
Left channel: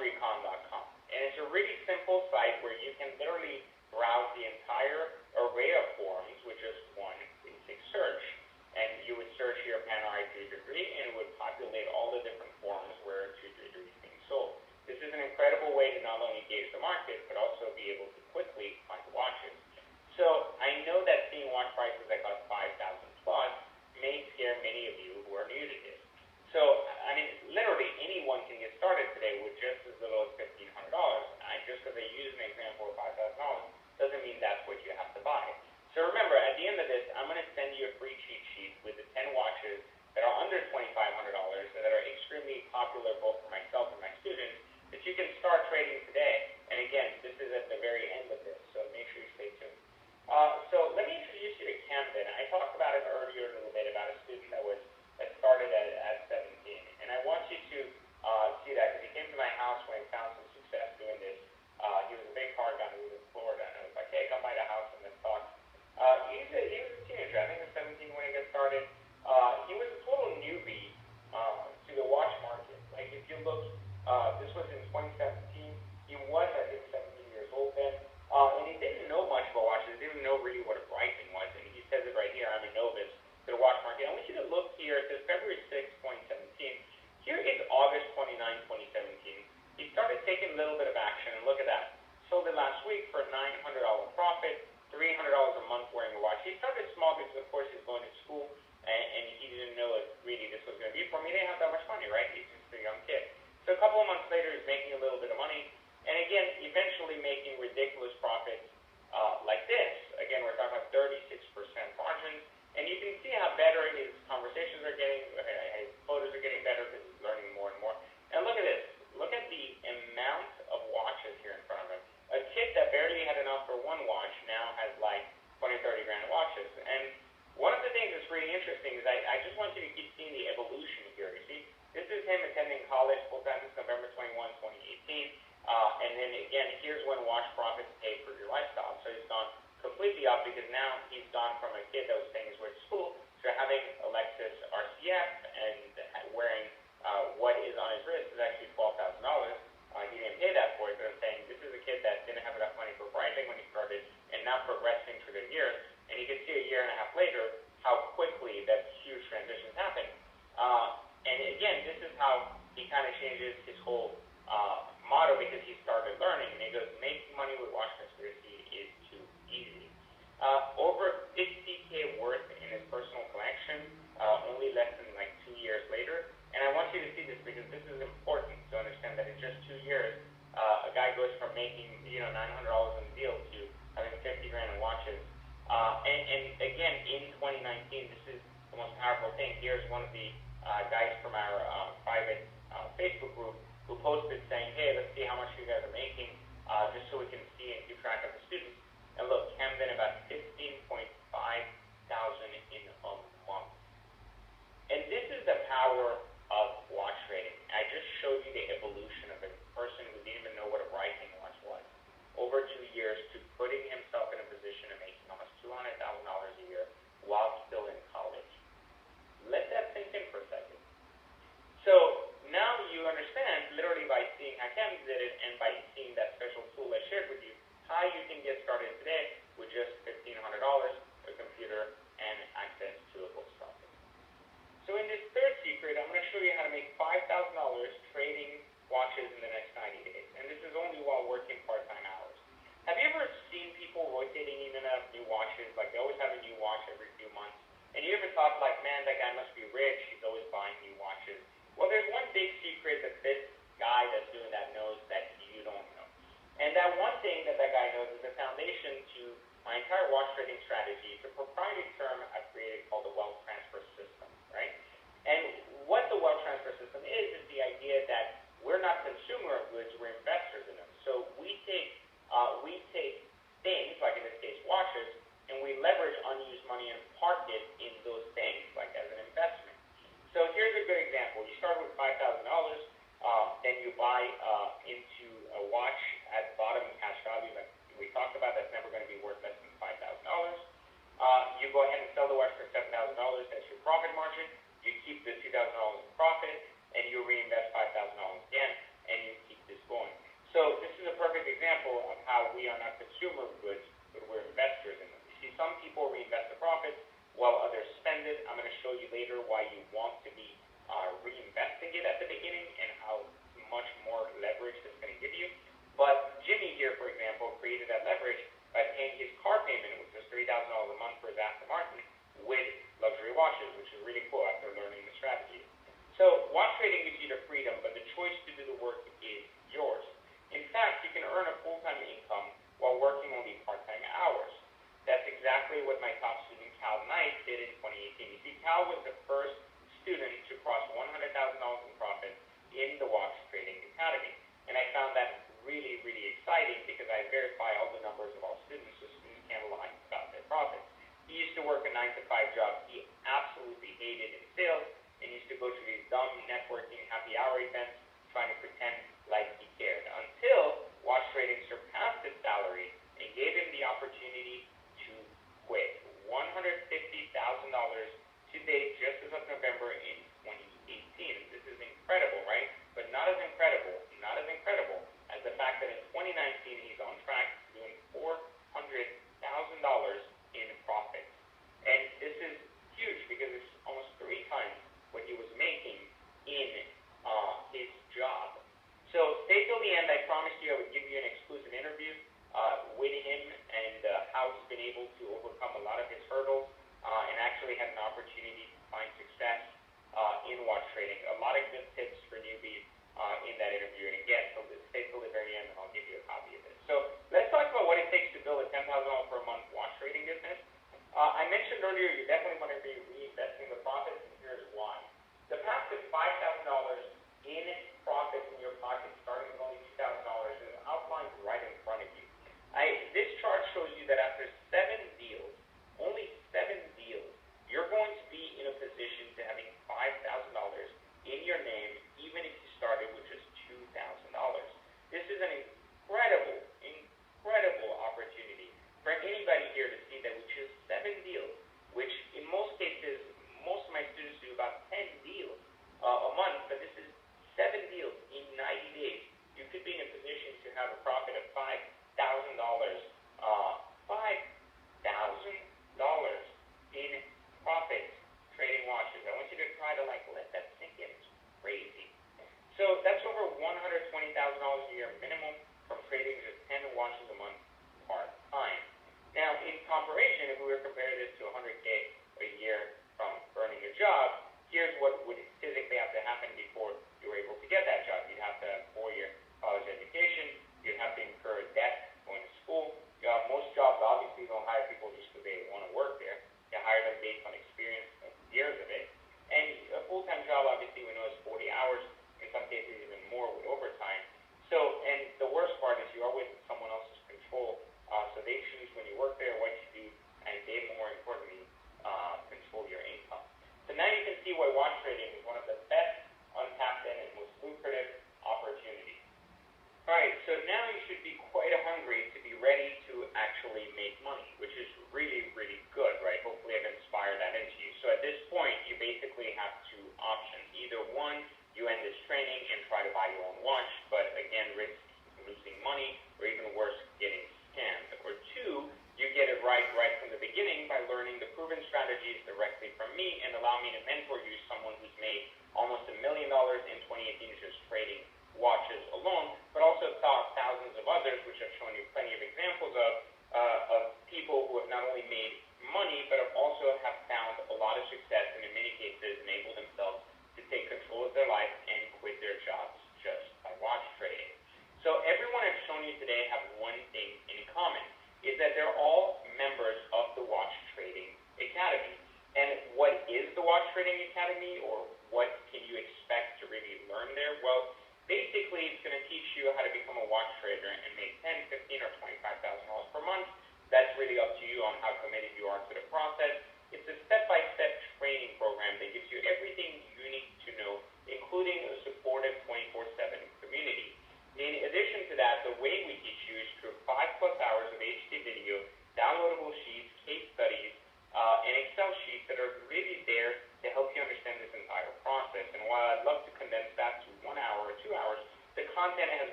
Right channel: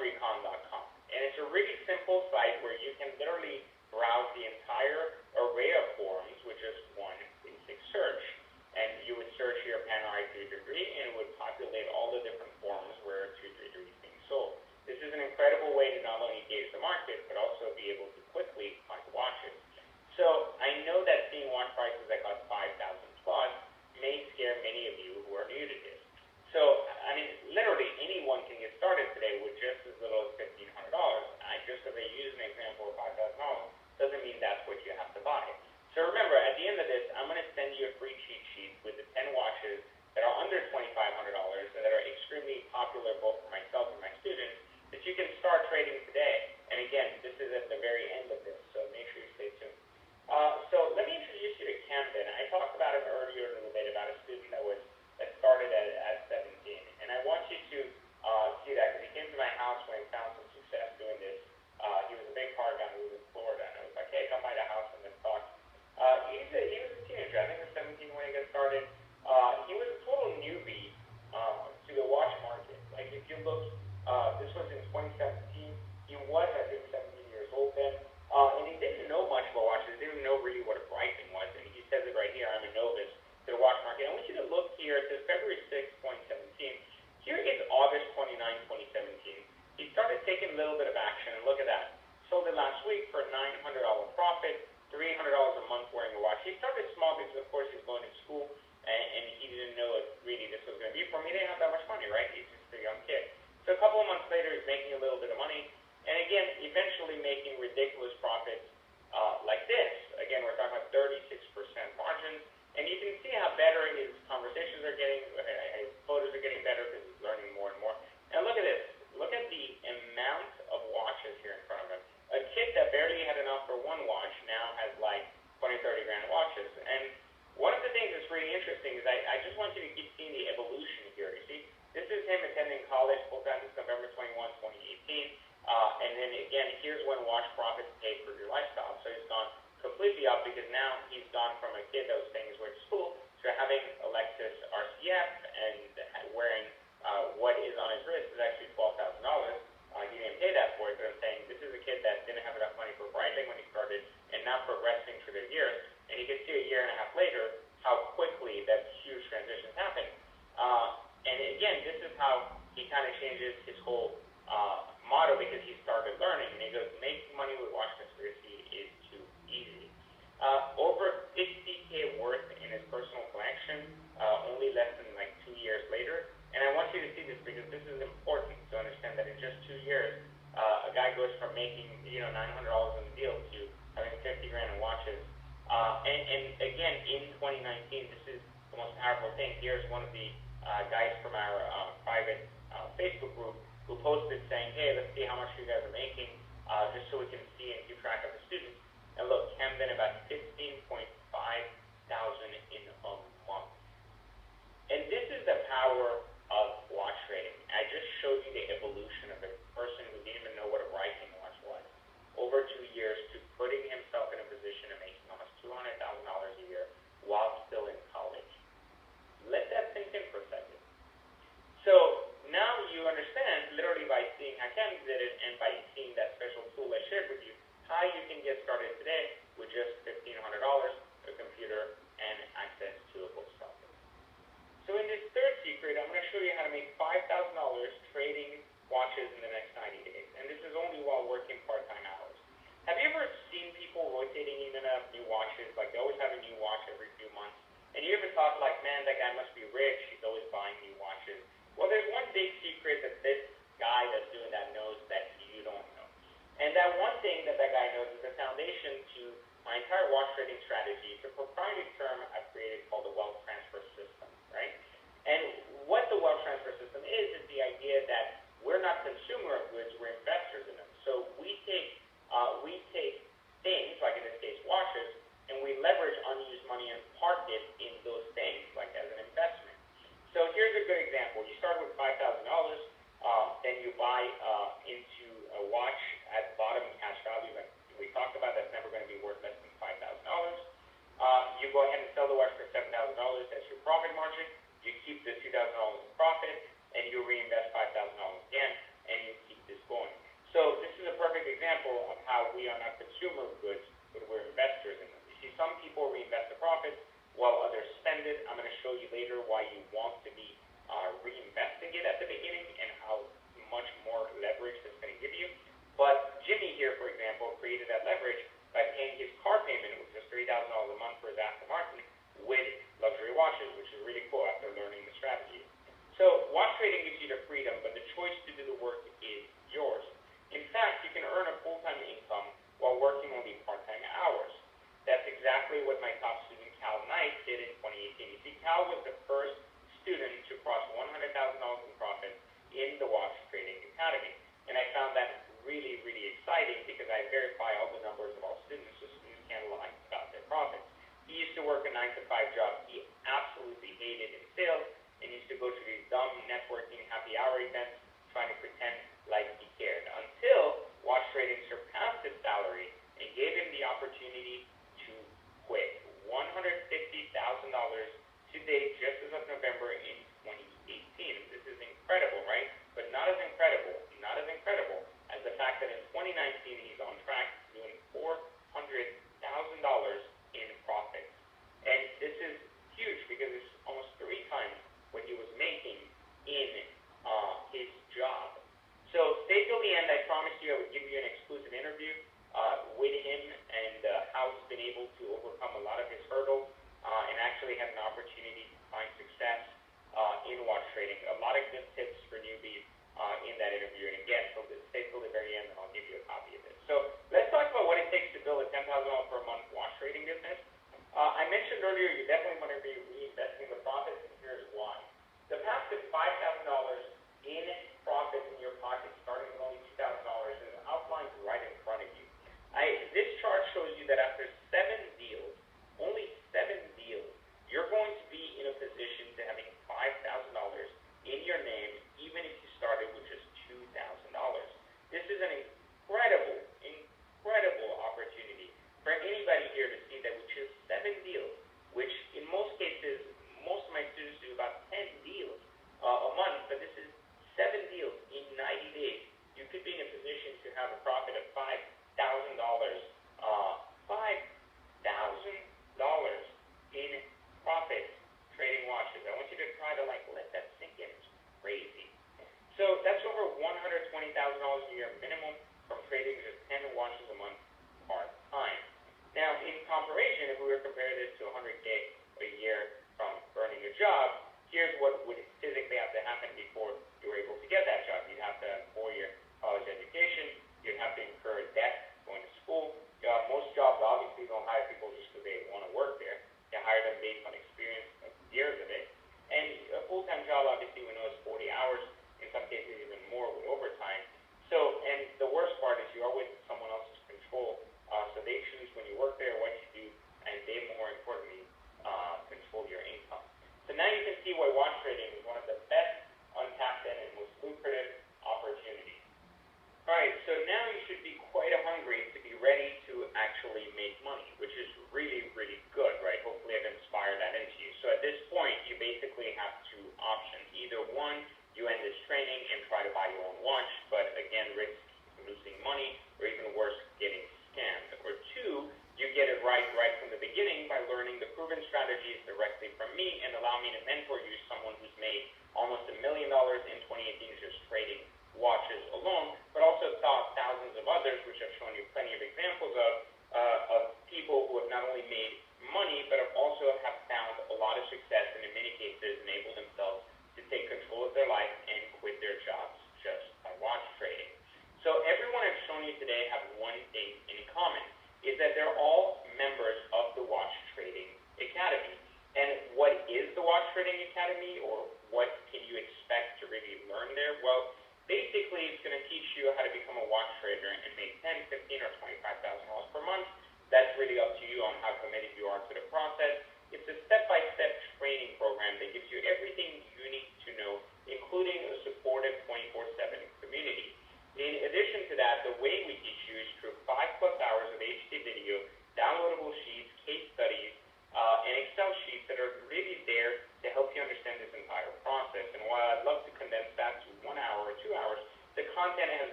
watchrecon.com. And it's a really simple site where you can literally browse the entire array of forms, which is one basic search. And you would search your Panerai 3 degree, and it would populate all the different forms where 2 degree is being sold. This is an incredible way to not only gauge the market, but also be able to quickly find watches. So I know that seeing watch prices that cost 5,000 plus may scare many of you who are new to this. So, I mean, literally anyone can get started today with just as little as $1,500. Just because I use an example of $5,000 doesn't mean that's what you have to buy. So remember, at the end of this, I'm going to send you a free cheat sheet with the 10 watches that are under $2,500 and that are extremely popular both for myself and my students that you can start trading today. And again, this is at the very end of this, so make sure you stay tuned. So let me introduce you to Camden. I talked about it earlier a little bit about a student that started at 17. And I want you to see that because he came to my house when he found some success doing this. He was a big car guy. He was in Florida. And I was like, hey, come by the house and let's talk. He was a teenager. I think he was 17 when he got started. He was a total newbie to the watch market. Like if you look, this was in 2017. He was, I think, 17 years old then. And he didn't know much about watches. Didn't know really what a pricing was. And he says it right here. I'm a novice to the watch market. I want you to look here. It says February 6, 2017. Here is August 29, 2017. He started taking a little bit of action. And look at that. Sold it last week for a $900 profit, $300 a month wearing the watch. He started small because, of course, he was going to school. And he didn't know if really this was going to be for him. He didn't have that much money, right? He's just a young kid. So a couple of months later, he's making a little bit of money. And again, eventually making ridiculous profits like this. Again, we're talking about 36% margins. And you can see how better his conversations are getting, his photos are getting better because he's learning more and more. And look at this. Look at the amount of watches here in front of him. A kid that barely had enough for one watch now has like 20, 30 grand watches. And one of the things that's really interesting is I just want you to keep seeing the evolution here. You see, this is him attending college full-time November 21, 2018. And then again, here's when watch profits paid for your lifestyle. So he's gone completely up because now he's gone from a kid that was paying his way to school to having a Lexus RCF and wearing what is on his wrist is actually $12,000. He didn't pay that for it, but I'm saying this is a kid that didn't have enough money for branding when he started and now progressing through the years. And you can see a year and a half later how quickly that huge transition happened. And again, this is how he kind of changes his whole motto because he started learning. And he goes, making money with watch conspiracy is too easy. Over 50K worth in his personal collection, only less than like 2 years later. And I want you to see this because this is important to understand that in just 2 years, a guy goes from making $900 on the deal to having 50 grand in watches. And again, in 2019, this is the most powerful thing. Here's one of the guys from our private Facebook group who posted saying, hey, let's see how much you guys are making, just so we can see and keep track of the students. And look, Camden about 16.5 thousand in a month. And this is the power of watch trading. I just showed you the evolution of a person who didn't even know what a rising watch was. Over 2 years to putting himself in a position of making almost $200,000 a year while still in college. Let that sink in for a second. So now you understand, literally by seeing how Camden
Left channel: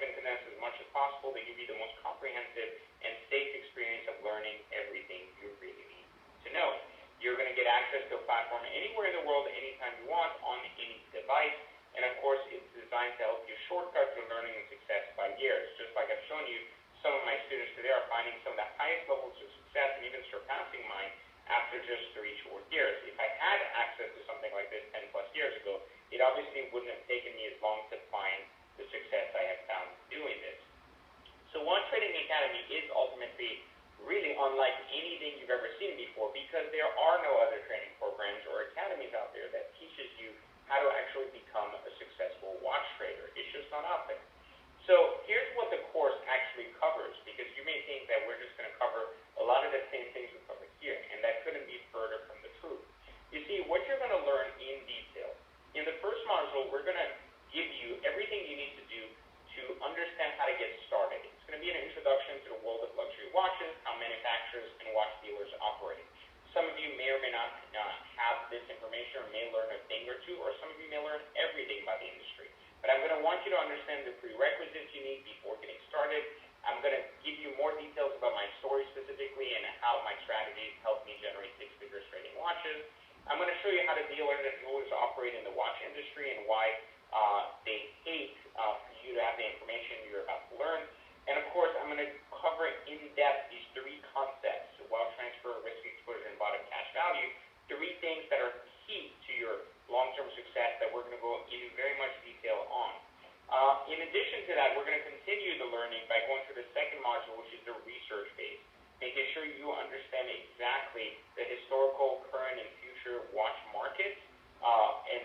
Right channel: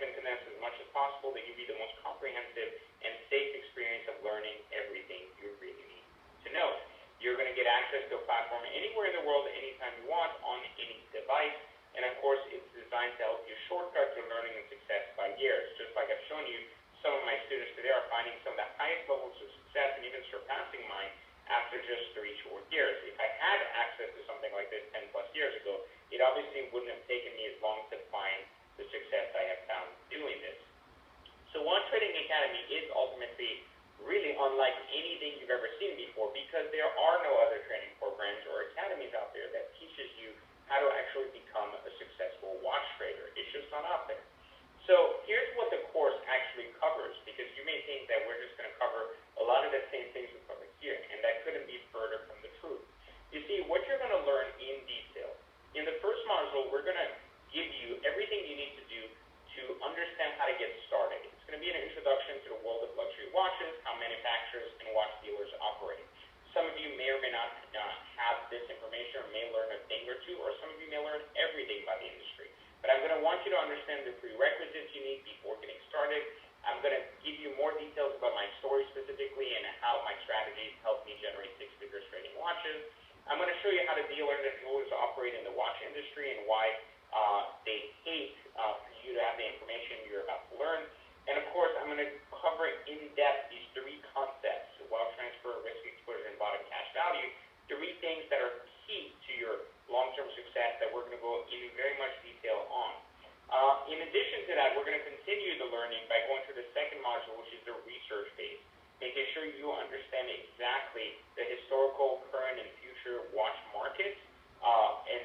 to condense as much as possible to give you the most comprehensive and safe experience of learning everything you really need to know. You're going to get access to a platform anywhere in the world, anytime you want, on any device. And of course, it's designed to help you shortcut to learning and success by years. Just like I've shown you, some of my students today are finding some of the highest levels of success and even surpassing mine after just 3 short years. If I had access to something like this 10 plus years ago, it obviously wouldn't have taken me as long to find the success I have found doing this. So Watch Trading Academy is ultimately really unlike anything you've ever seen before, because there are no other training programs or academies out there that teaches you how to actually become a successful watch trader. It's just not out there. So here's what the course actually covers, because you may think that we're just going to cover a lot of the same things we covered here, and that couldn't be further from the truth. You see, what you're going to learn in detail. In the first module, we're going to give you everything you need to do to understand how to get started. It's going to be an introduction to the world of luxury watches, how manufacturers and watch dealers operate. Some of you may or may not have this information, or may learn a thing or two, or some of you may learn everything by the industry. But I'm going to want you to understand the prerequisites you need before getting started. I'm going to give you more details about my story specifically and how my strategies help me generate six figures trading watches. I'm going to show you how the dealers and jewelers operate in the watch industry and why they hate for you to have the information you're about to learn. And of course, I'm going to cover in depth these 3 concepts: wealth transfer, risk exposure, and bottom cash value. 3 things that are key to your long-term success that we're going to go in very much detail on. In addition to that, we're going to continue the learning by going to the second module, which is the research phase, making sure you understand exactly the historical, current, and future watch markets, and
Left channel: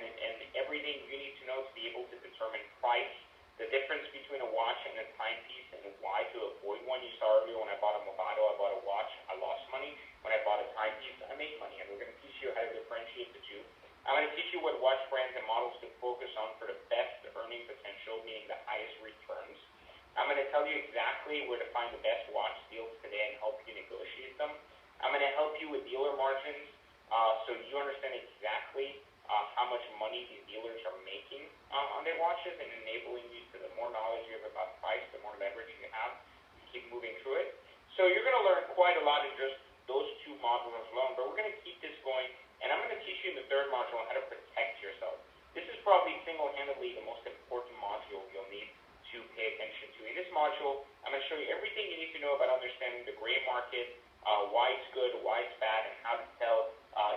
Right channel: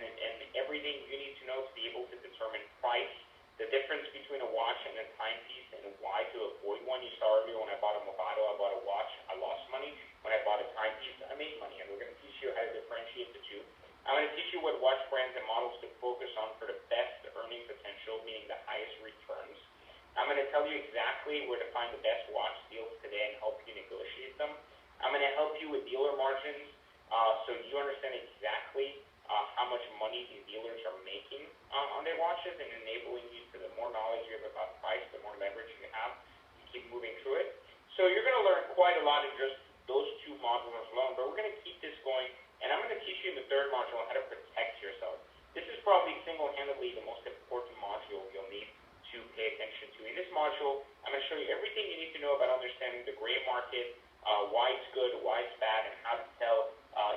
everything you need to know to be able to determine price, the difference between a watch and a timepiece, and why to avoid one. You saw earlier when I bought a Movado, I bought a watch, I lost money. When I bought a timepiece, I made money. And we're going to teach you how to differentiate the two. I'm going to teach you what watch brands and models to focus on for the best earning potential, meaning the highest returns. I'm going to tell you exactly where to find the best watch deals today and help you negotiate them. I'm going to help you with dealer margins, so you understand exactly how much money these dealers are making on their watches, and enabling you to, the more knowledge you have about price, the more leverage you have to keep moving through it. So you're going to learn quite a lot in just those 2 modules alone, but we're going to keep this going, and I'm going to teach you in the 3rd module how to protect yourself. This is probably single-handedly the most important module you'll need to pay attention to. In this module, I'm going to show you everything you need to know about understanding the gray market, why it's good, why it's bad, and how to tell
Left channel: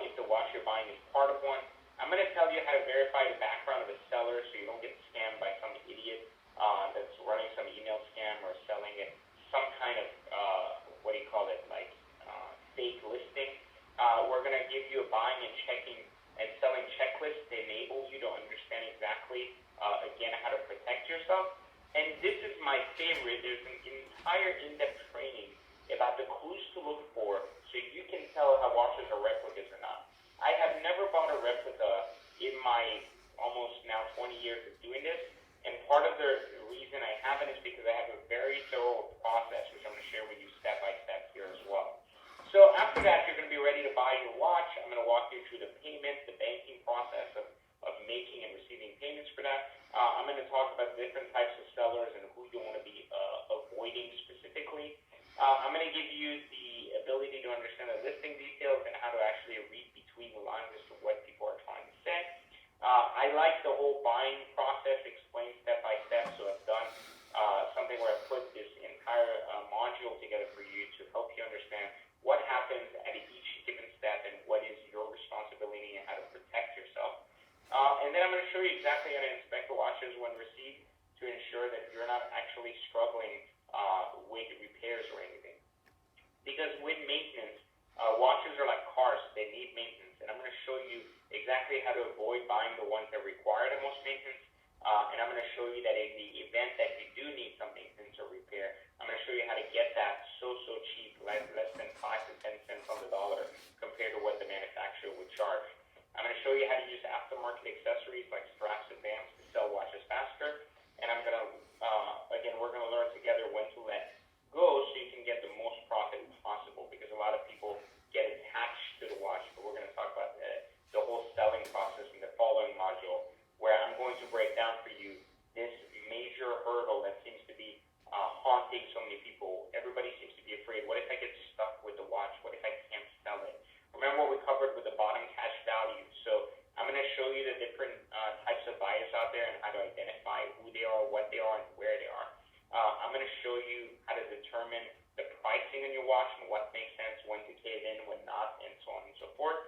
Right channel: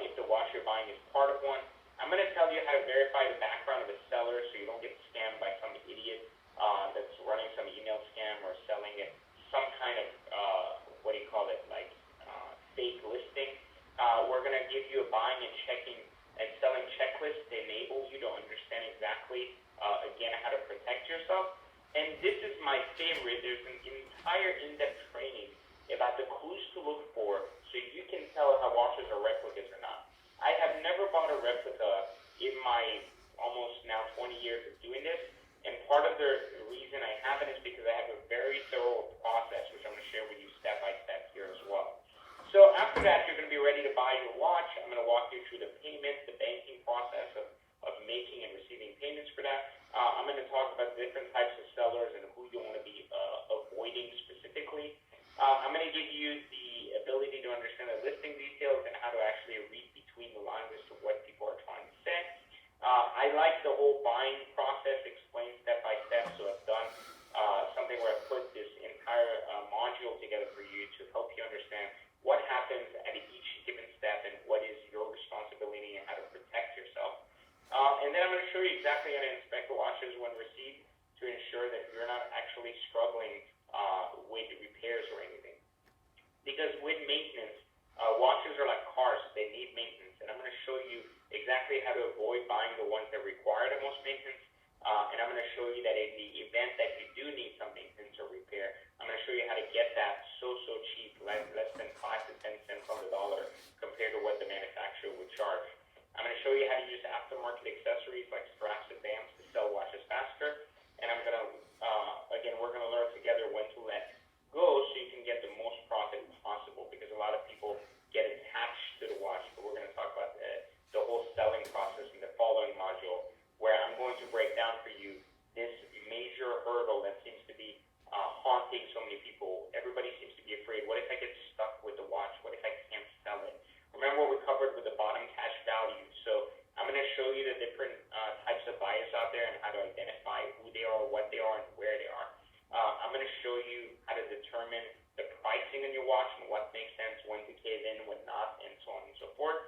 if the watch you're buying is part of one. I'm going to tell you how to verify the background of the seller so you don't get scammed by some idiot that's running some email scam or selling it some kind of, fake listing. We're going to give you a buying and checking and selling checklist that enables you to understand exactly, again, how to protect yourself. And this is my favorite. There's an entire in-depth training about the clues to look for so you can tell how watches are replicas or not. I have never bought a replica in my almost now 20 years of doing this, and part of the reason I haven't is because I have a very thorough process, which I'm going to share with you step by step here as well. So after that, you're going to be ready to buy your watch. I'm going to walk you through the payment, the banking process of making and receiving payments for that. I'm going to talk about different types of sellers and who you want to be avoiding specifically. I'm going to give you the ability to understand the listing details and how to actually read between the lines as to what people are trying to say. I like the whole buying process explained step by step, so I've done something where I put this entire module together for you to help you understand what happens at each given step and what is your responsibility and how to protect yourself. And then I'm going to show you exactly how to inspect the watches when received to ensure that you're not actually struggling with repairs or anything. Because with maintenance, watches are like cars, they need maintenance. And I'm going to show you exactly how to avoid buying the ones that require the most maintenance. And I'm going to show you that in the event that you do need some maintenance or repair, I'm going to show you how to get that so cheap, less than 5 to 10 cents on the dollar compared to what the manufacturer would charge. I'm going to show you how to use aftermarket accessories like straps and bands to sell watches faster. show you how to determine the pricing on your watch and what makes sense, when to cave in, when not, and so on and so forth.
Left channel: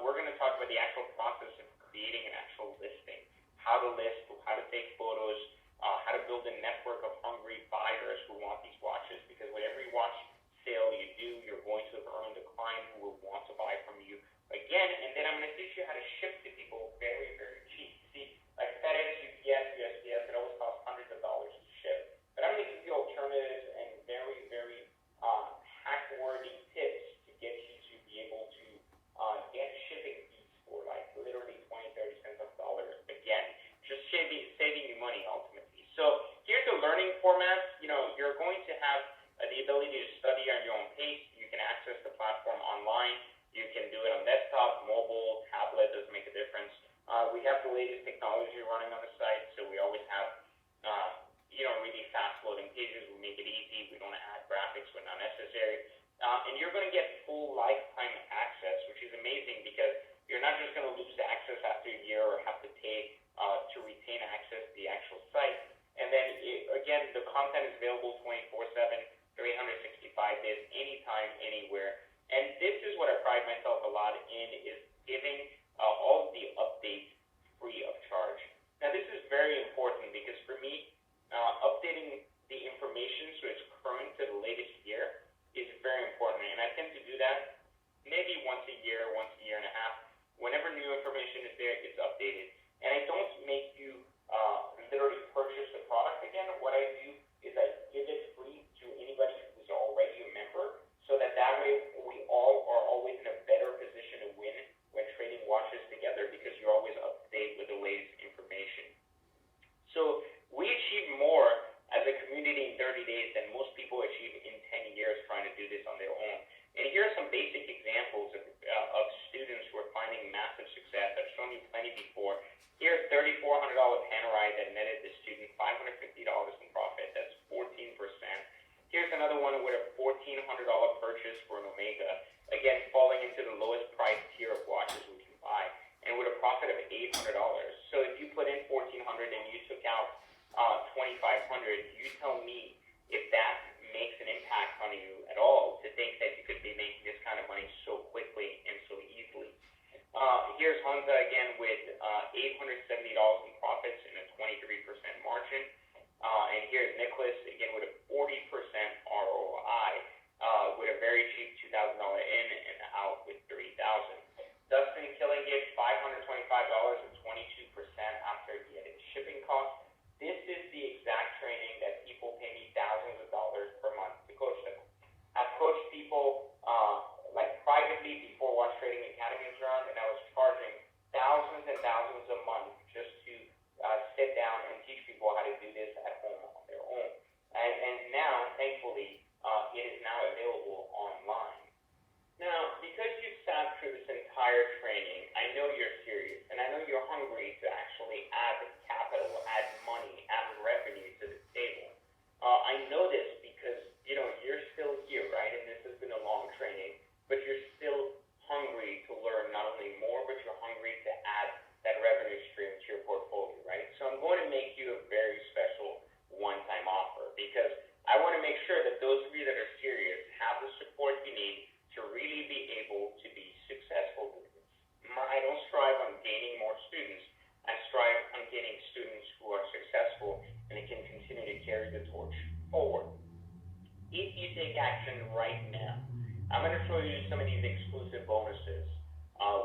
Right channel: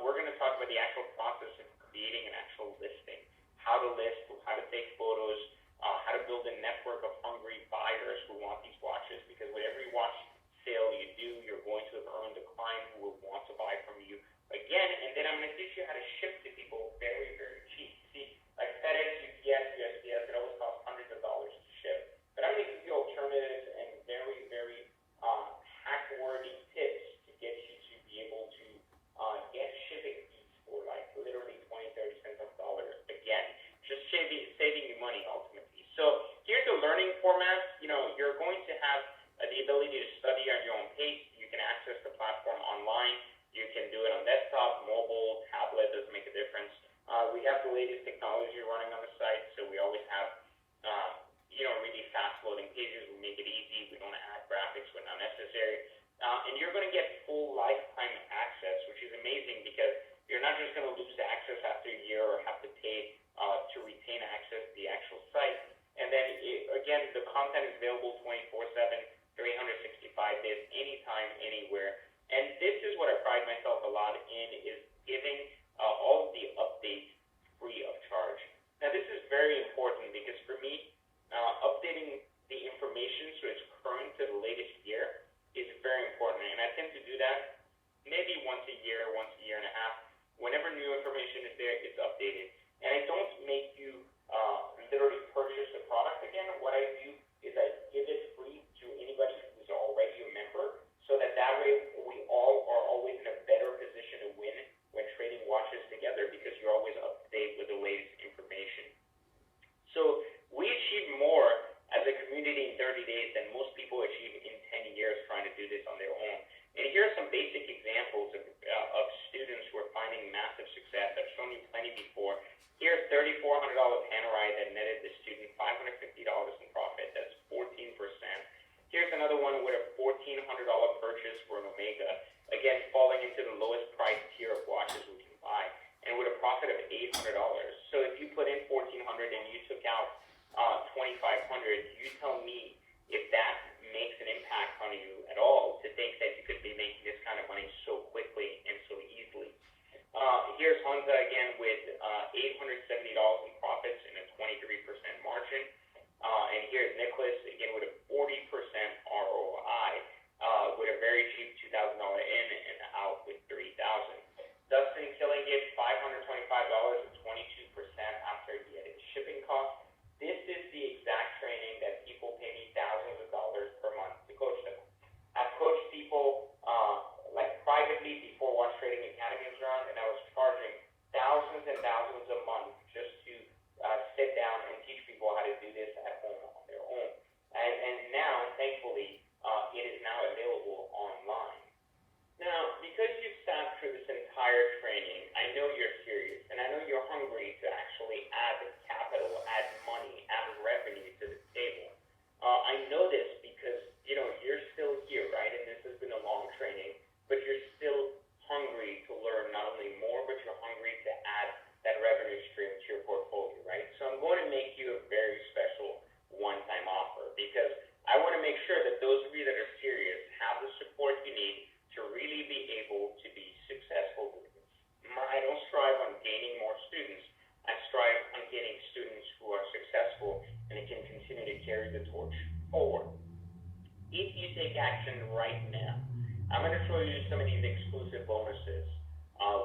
We're going to talk about the actual process of creating an actual listing, how to list, how to take photos, how to build a network of hungry buyers who want these watches, because with every watch sale you do, you're going to earn the client who will want to buy from you again. And then I'm going to teach you how to ship to people very, very cheap. You see, like FedEx, UPS, USPS, it always costs hundreds of dollars to ship. But I'm going to give you alternatives and very, very hack-worthy tips to get you to be able to get shipping fees for like literally 20, 30 cents of dollars. Again, just saving you money ultimately. So here's the learning format. You know, you're going to have the ability to study at your own pace. You can access the platform online. You can do it on desktop, mobile, tablet, doesn't make a difference. We have the latest technology running on the site, so we always have, really fast loading pages. We make it easy. We don't add graphics when not necessary. And you're going to get full lifetime access, which is amazing because you're not just going to lose the access after a year or have to pay to retain access to the actual site. And then, again, the content is available 24/7, 365 days, anytime, anywhere. And this is what I pride myself a lot in, is giving all of the updates free of charge. Now, this is very important because for me, updating the information so it's current to the latest year is very important. And I tend to do that maybe once a year and a half. Whenever new information is there, it's updated. And I don't make you literally purchase the product again. What I do is I give it free to anybody who's already a member, so that way we all are always in a better position to win when trading watches together, because you're always up to date with the latest information. So we achieve more as a community in 30 days than most people achieve in 10 years trying to do this on their own. And here are some basic examples of students who are finding massive success. I've shown you plenty before. Here's $3,400 Panerai that netted the student $550 in profit. That's 14%. Here's another one with a $1,400 purchase for an Omega. Again, falling into the lowest price tier of watches we can buy, and with a profit of $800. So if you put in $1,400 and you took out $2,500, you tell me if that makes an impact on you at all, to think that you could be making this kind of money so quickly and so easily. Here's Honda again with $870 in profits and a 23% margin. And here's Nicholas again with a 40% ROI, with a very cheap $2,000 in and out with $3,000. Dustin killing it, $525 and 22% after he added shipping costs. This is the exact training that people pay me thousands of dollars per month to coach them. I've coached people privately before Watch Trading Academy was around, and I was charging thousands and thousands a month just to sit down and teach people how to do this at home on their own. And now, thankfully, it is now available online. Now, because you've sat through this entire training, I know you're serious, and I know you're hungry to actually add capital, add money, add revenue to the table. I know this because, you're still here, right? And this has been a long training, but you're still hungry to learn not only more, but you're hungry to add that revenue stream to your portfolio, right? So I'm going to make you a very special one-time offer, because I want to make sure that those of you that are serious have the support you need to really be able to be successful with this. I don't strive on gaining more students. I strive on getting students who are successful and can continue to carry the torch forward. If you take action right now, I'm going to show you some of these exclusive bonuses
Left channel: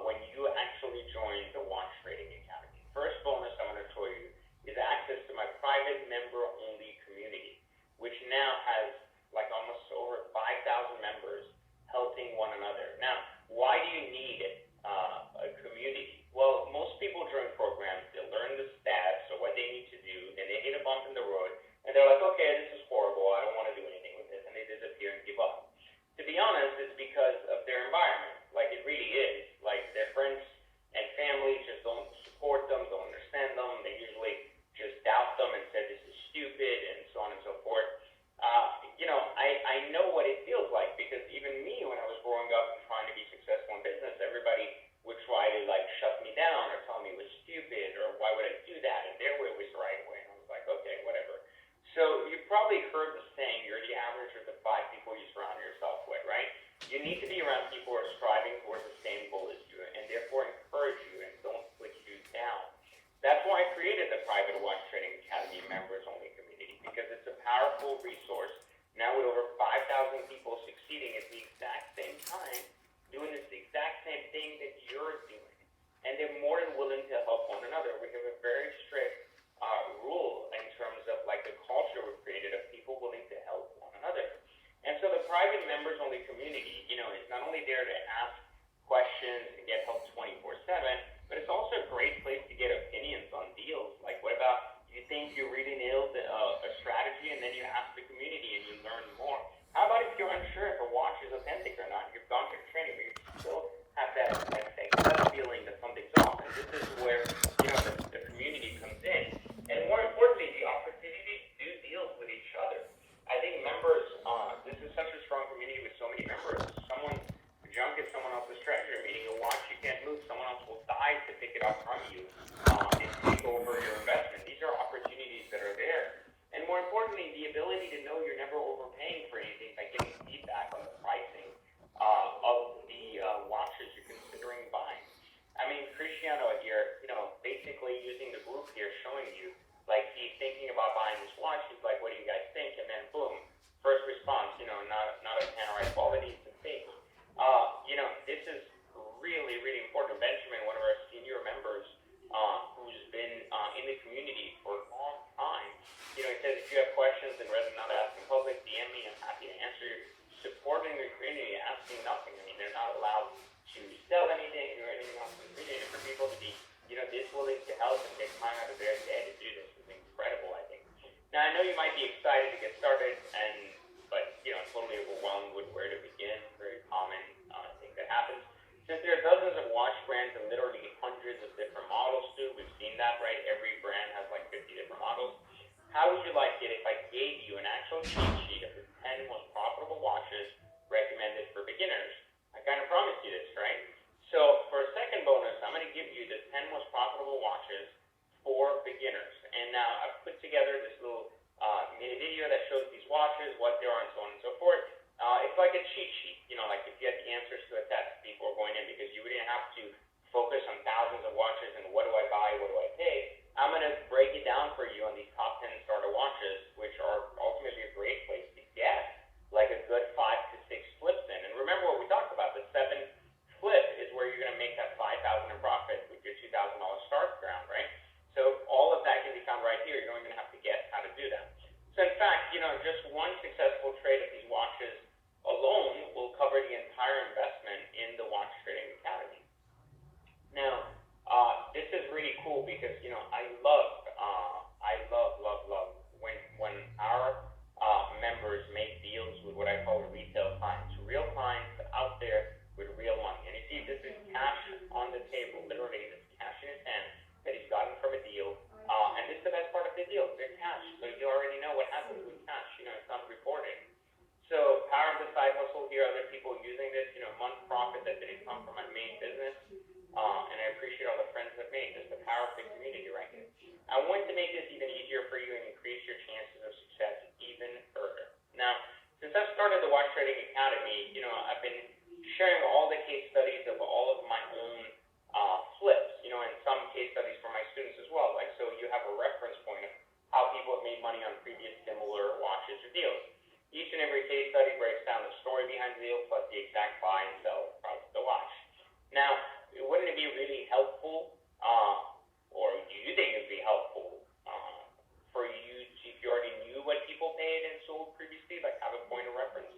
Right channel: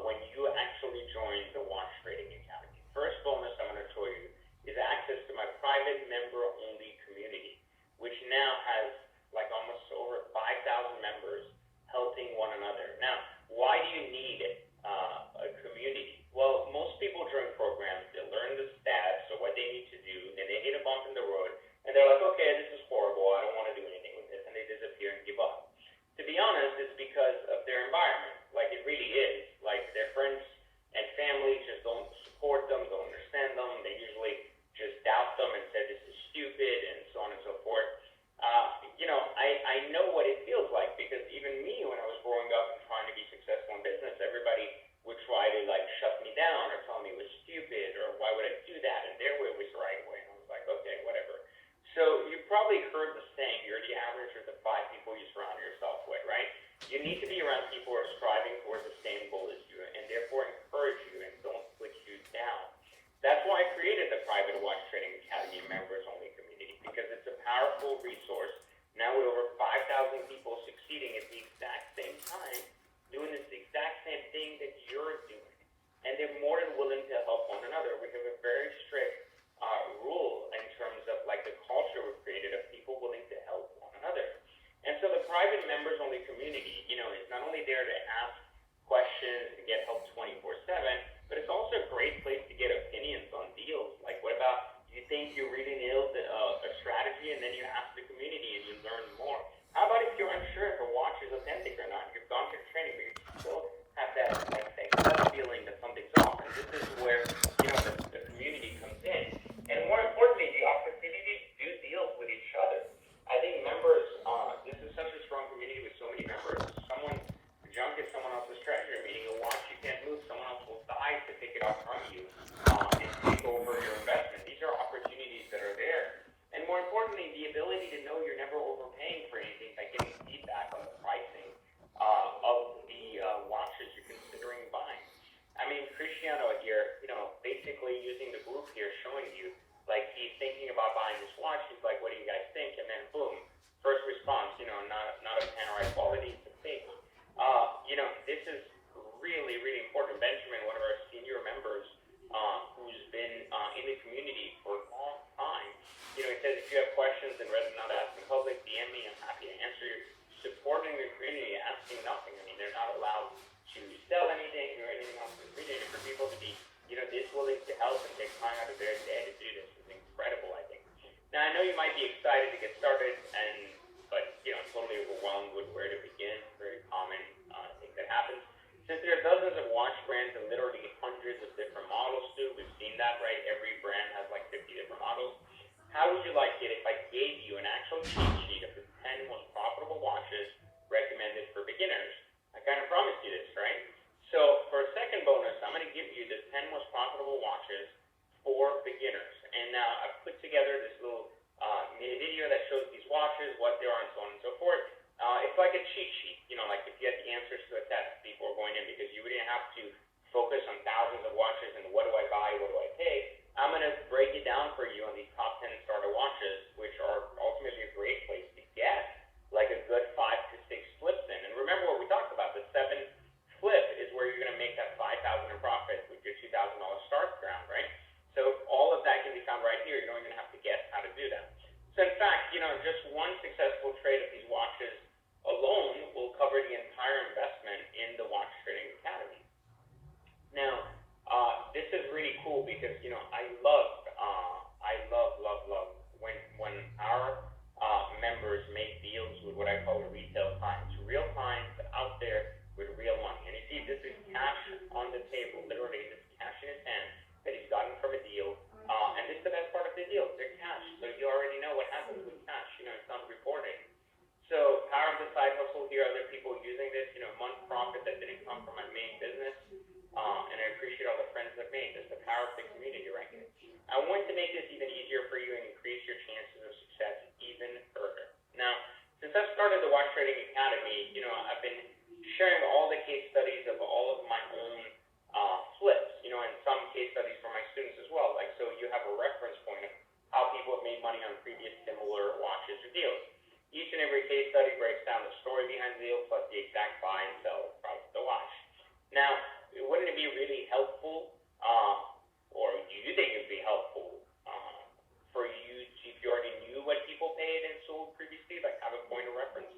when you actually join the Watch Trading Academy. First bonus I'm going to show you is access to my private member-only community, which now has almost over 5,000 members helping one another. Now, why do you need a community? Well, most people join programs, they learn the stats, so what they need to do, then they hit a bump in the road, and they're like, okay, this is horrible, I don't want to do anything with this, and they disappear and give up. To be honest, it's because of their environment. It really is. Their friends and family just don't them not ask in public, DM me, I'm happy to answer. Supporting the community, asking nothing. I mean, they're not allowed to sell anything or anything else. For people to be, this willing to help and take time out of their day to do this is incredible, I think. Now, I know you might be excited to get started, but totally overwhelmed with where to begin. Very common thing that happens. Since there are dozens of watch brands and literally hundreds of different models too, we've seen that, right? Every brand has like 50 different models. How would you like it if I gave you an actual cheat sheet of the 10 most profitable watches recommended for beginners? I kind of promised you this, right? So for a second bonus, I'm going to give you the 10 most profitable watches for beginners. And now I've put together this little mini video that shows these watches, what they are, and so on and so forth. It's like a cheat sheet, like to get the answers to the test before going in, because you wouldn't have to focus on thousands of watches and what do I buy, what do I take. I'm going to break it down for you on these top 10 starter watches, which are ultimately a great place to get like a good 5 to 6 flips in. And remember what we talked about, the 7th flip is where you're going to make that $5,000 in profit with your $2,000 start ground, right? So all of that can be found right here. You don't even have to guess how to do that. So in fact, just one successful trade of these watches alone will cover the entire investment in the Watch Trading Academy. Now, this is really cool because, I love when our members make deals with what I call retail clients, real clients out there with real money. And you see, this is cash on the table, literally, it's cash in his hand that he's gotten from a deal. And this is the best part of the deal, they're cash. So you already know what happens with cash, it's not reported. So power of the side hustle here, other people using this, month profit that didn't come from my main business. And I appreciate all the friends I've made. This is the power of the community right here. I want to make this even easier for you and increase your chances of success even further. Now, since I've started the Watch Trading Academy, I've been sharing all the case studies of all of my own flips, and some case studies for my students as well. Like, so you have a reference point of how people have made money on previous similar watches or deals. Each and every case study breaks down the story behind the deal plus the exact buy and sell price of the watch. Now, wouldn't it be really helpful, or do you think it would be helpful for you if you already knew what people paid and sold previously, like have a point of reference?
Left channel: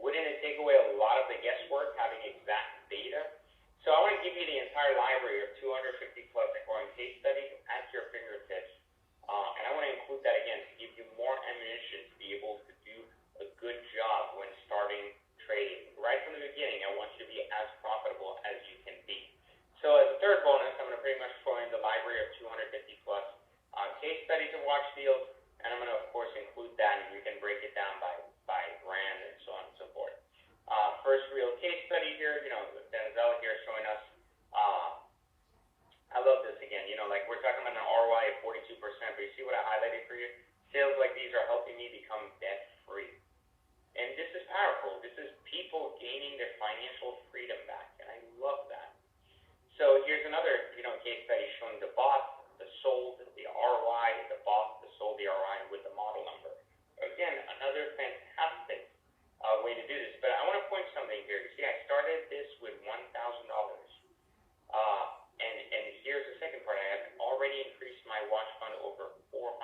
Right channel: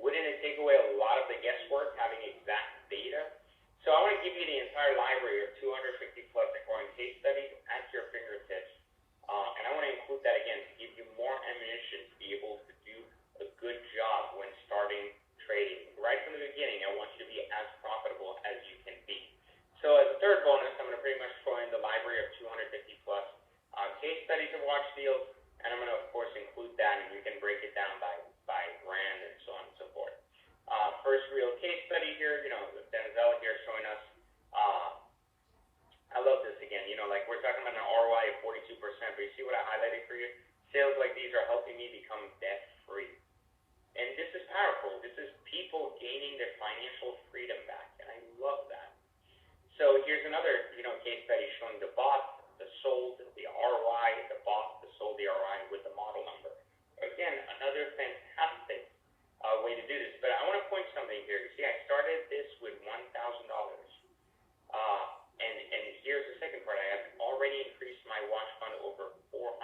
Wouldn't it take away a lot of the guesswork having exact data? So I want to give you the entire library of 250 plus important case studies at your fingertips. And I want to include that again to give you more ammunition to be able to do a good job when starting trading. Right from the beginning, I want you to be as profitable as you can be. So as a third bonus, I'm going to pretty much throw in the library of 250 plus case studies of watch deals, and I'm going to, of course, include that, and we can break it down by brand and so on and so forth. First real case study here, with Denzel here showing us, I love this again, like we're talking about an ROI of 42%, but you see what I highlighted for you? Sales like these are helping me become debt-free. And this is powerful. This is people gaining their financial freedom back, and I love that. So here's another, case study showing the bought, the sold, the ROI, the bought, the sold, the ROI with the model number. Again, another fantastic way to do this. But I want to point something here. You see, I started this with $1,000. And here's the second part. I have already increased my watch fund over 400%.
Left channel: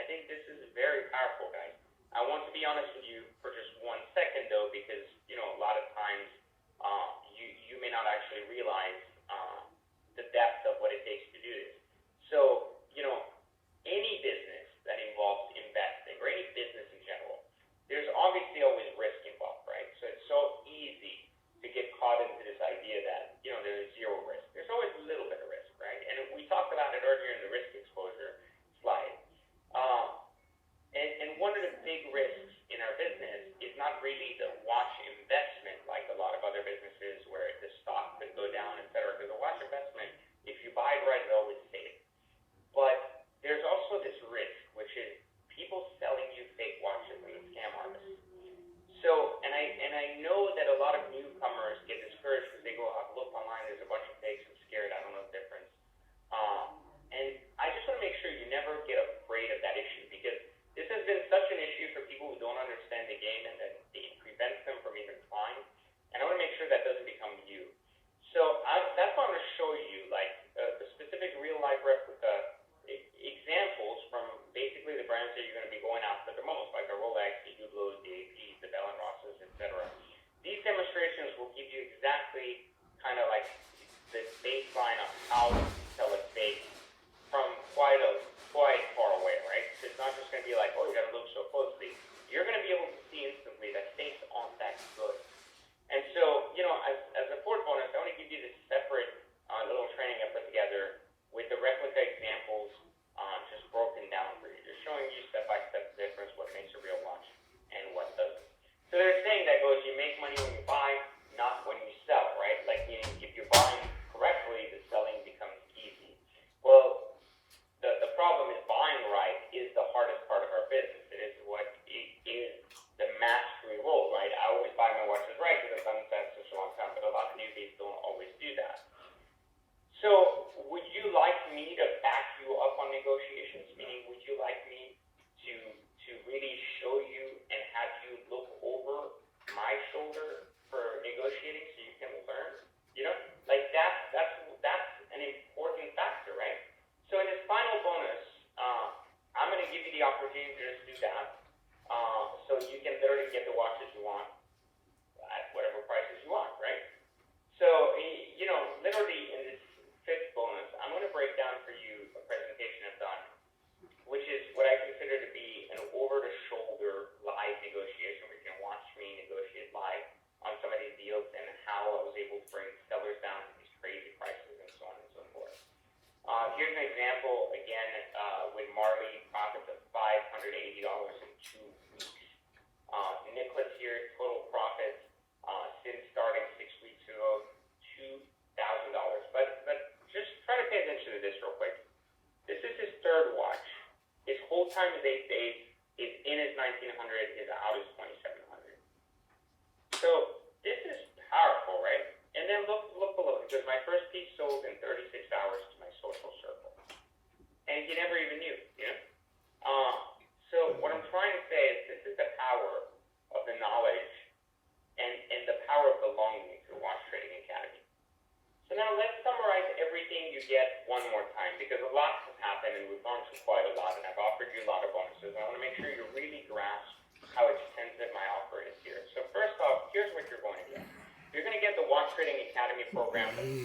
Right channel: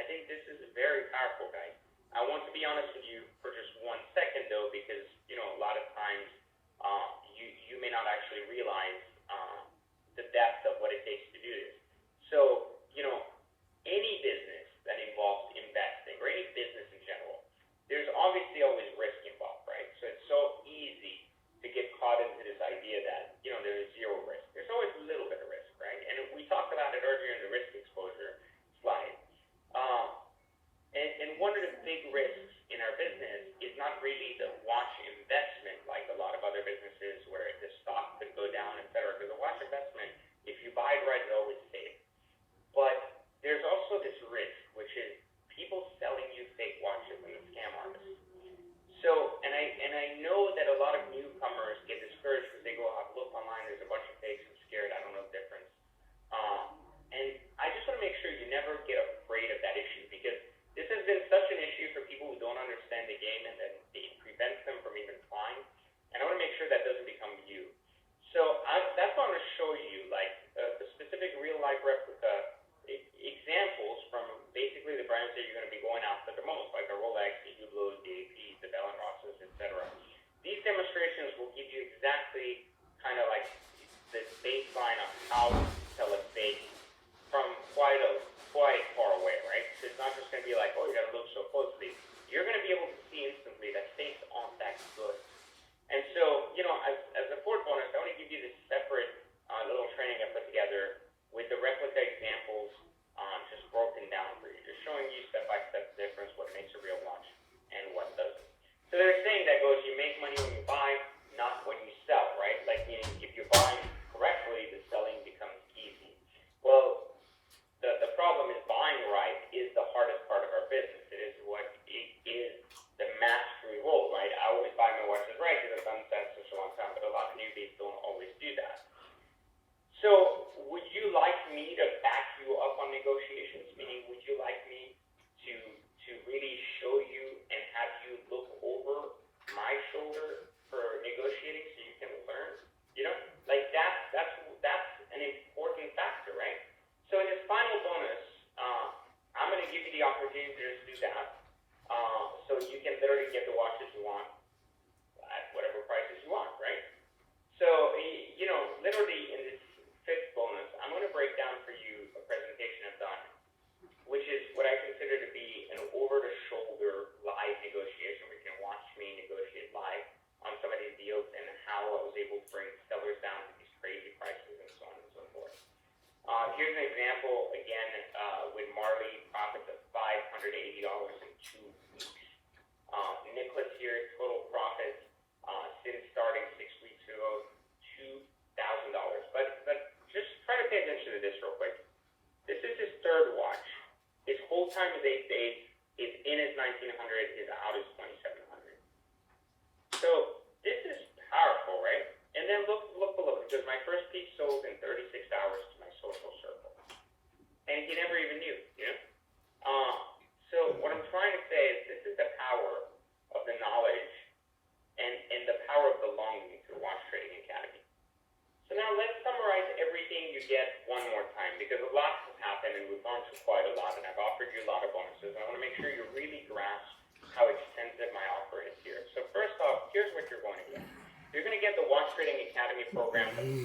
I think this is very powerful, guys. I want to be honest with you for just 1 second, though, because, a lot of times you may not actually realize the depth of what it takes to do this. So, any business that involves investing, or any business in general, there's obviously always risk involved, right? So it's so easy to get caught into this idea that, there's zero risk. There's always a little bit of risk, right? And we talked about it earlier in the risk exposure slide. And one of the big risks in our business is not really the watch investment like a lot of other businesses where the stock could go down, et cetera. Because a watch investment, if you buy it right, it's always safe. But there's also this risk, which is people selling you fake watches in the scam market. So, and I know that a lot of newcomers get discouraged because they go, I've looked online, there's a bunch of fakes, I'm scared, I don't know the difference. And I just want to make sure you never get afraid of that issue, because this has been such an issue for people who don't understand the game, and that it prevents them from even trying.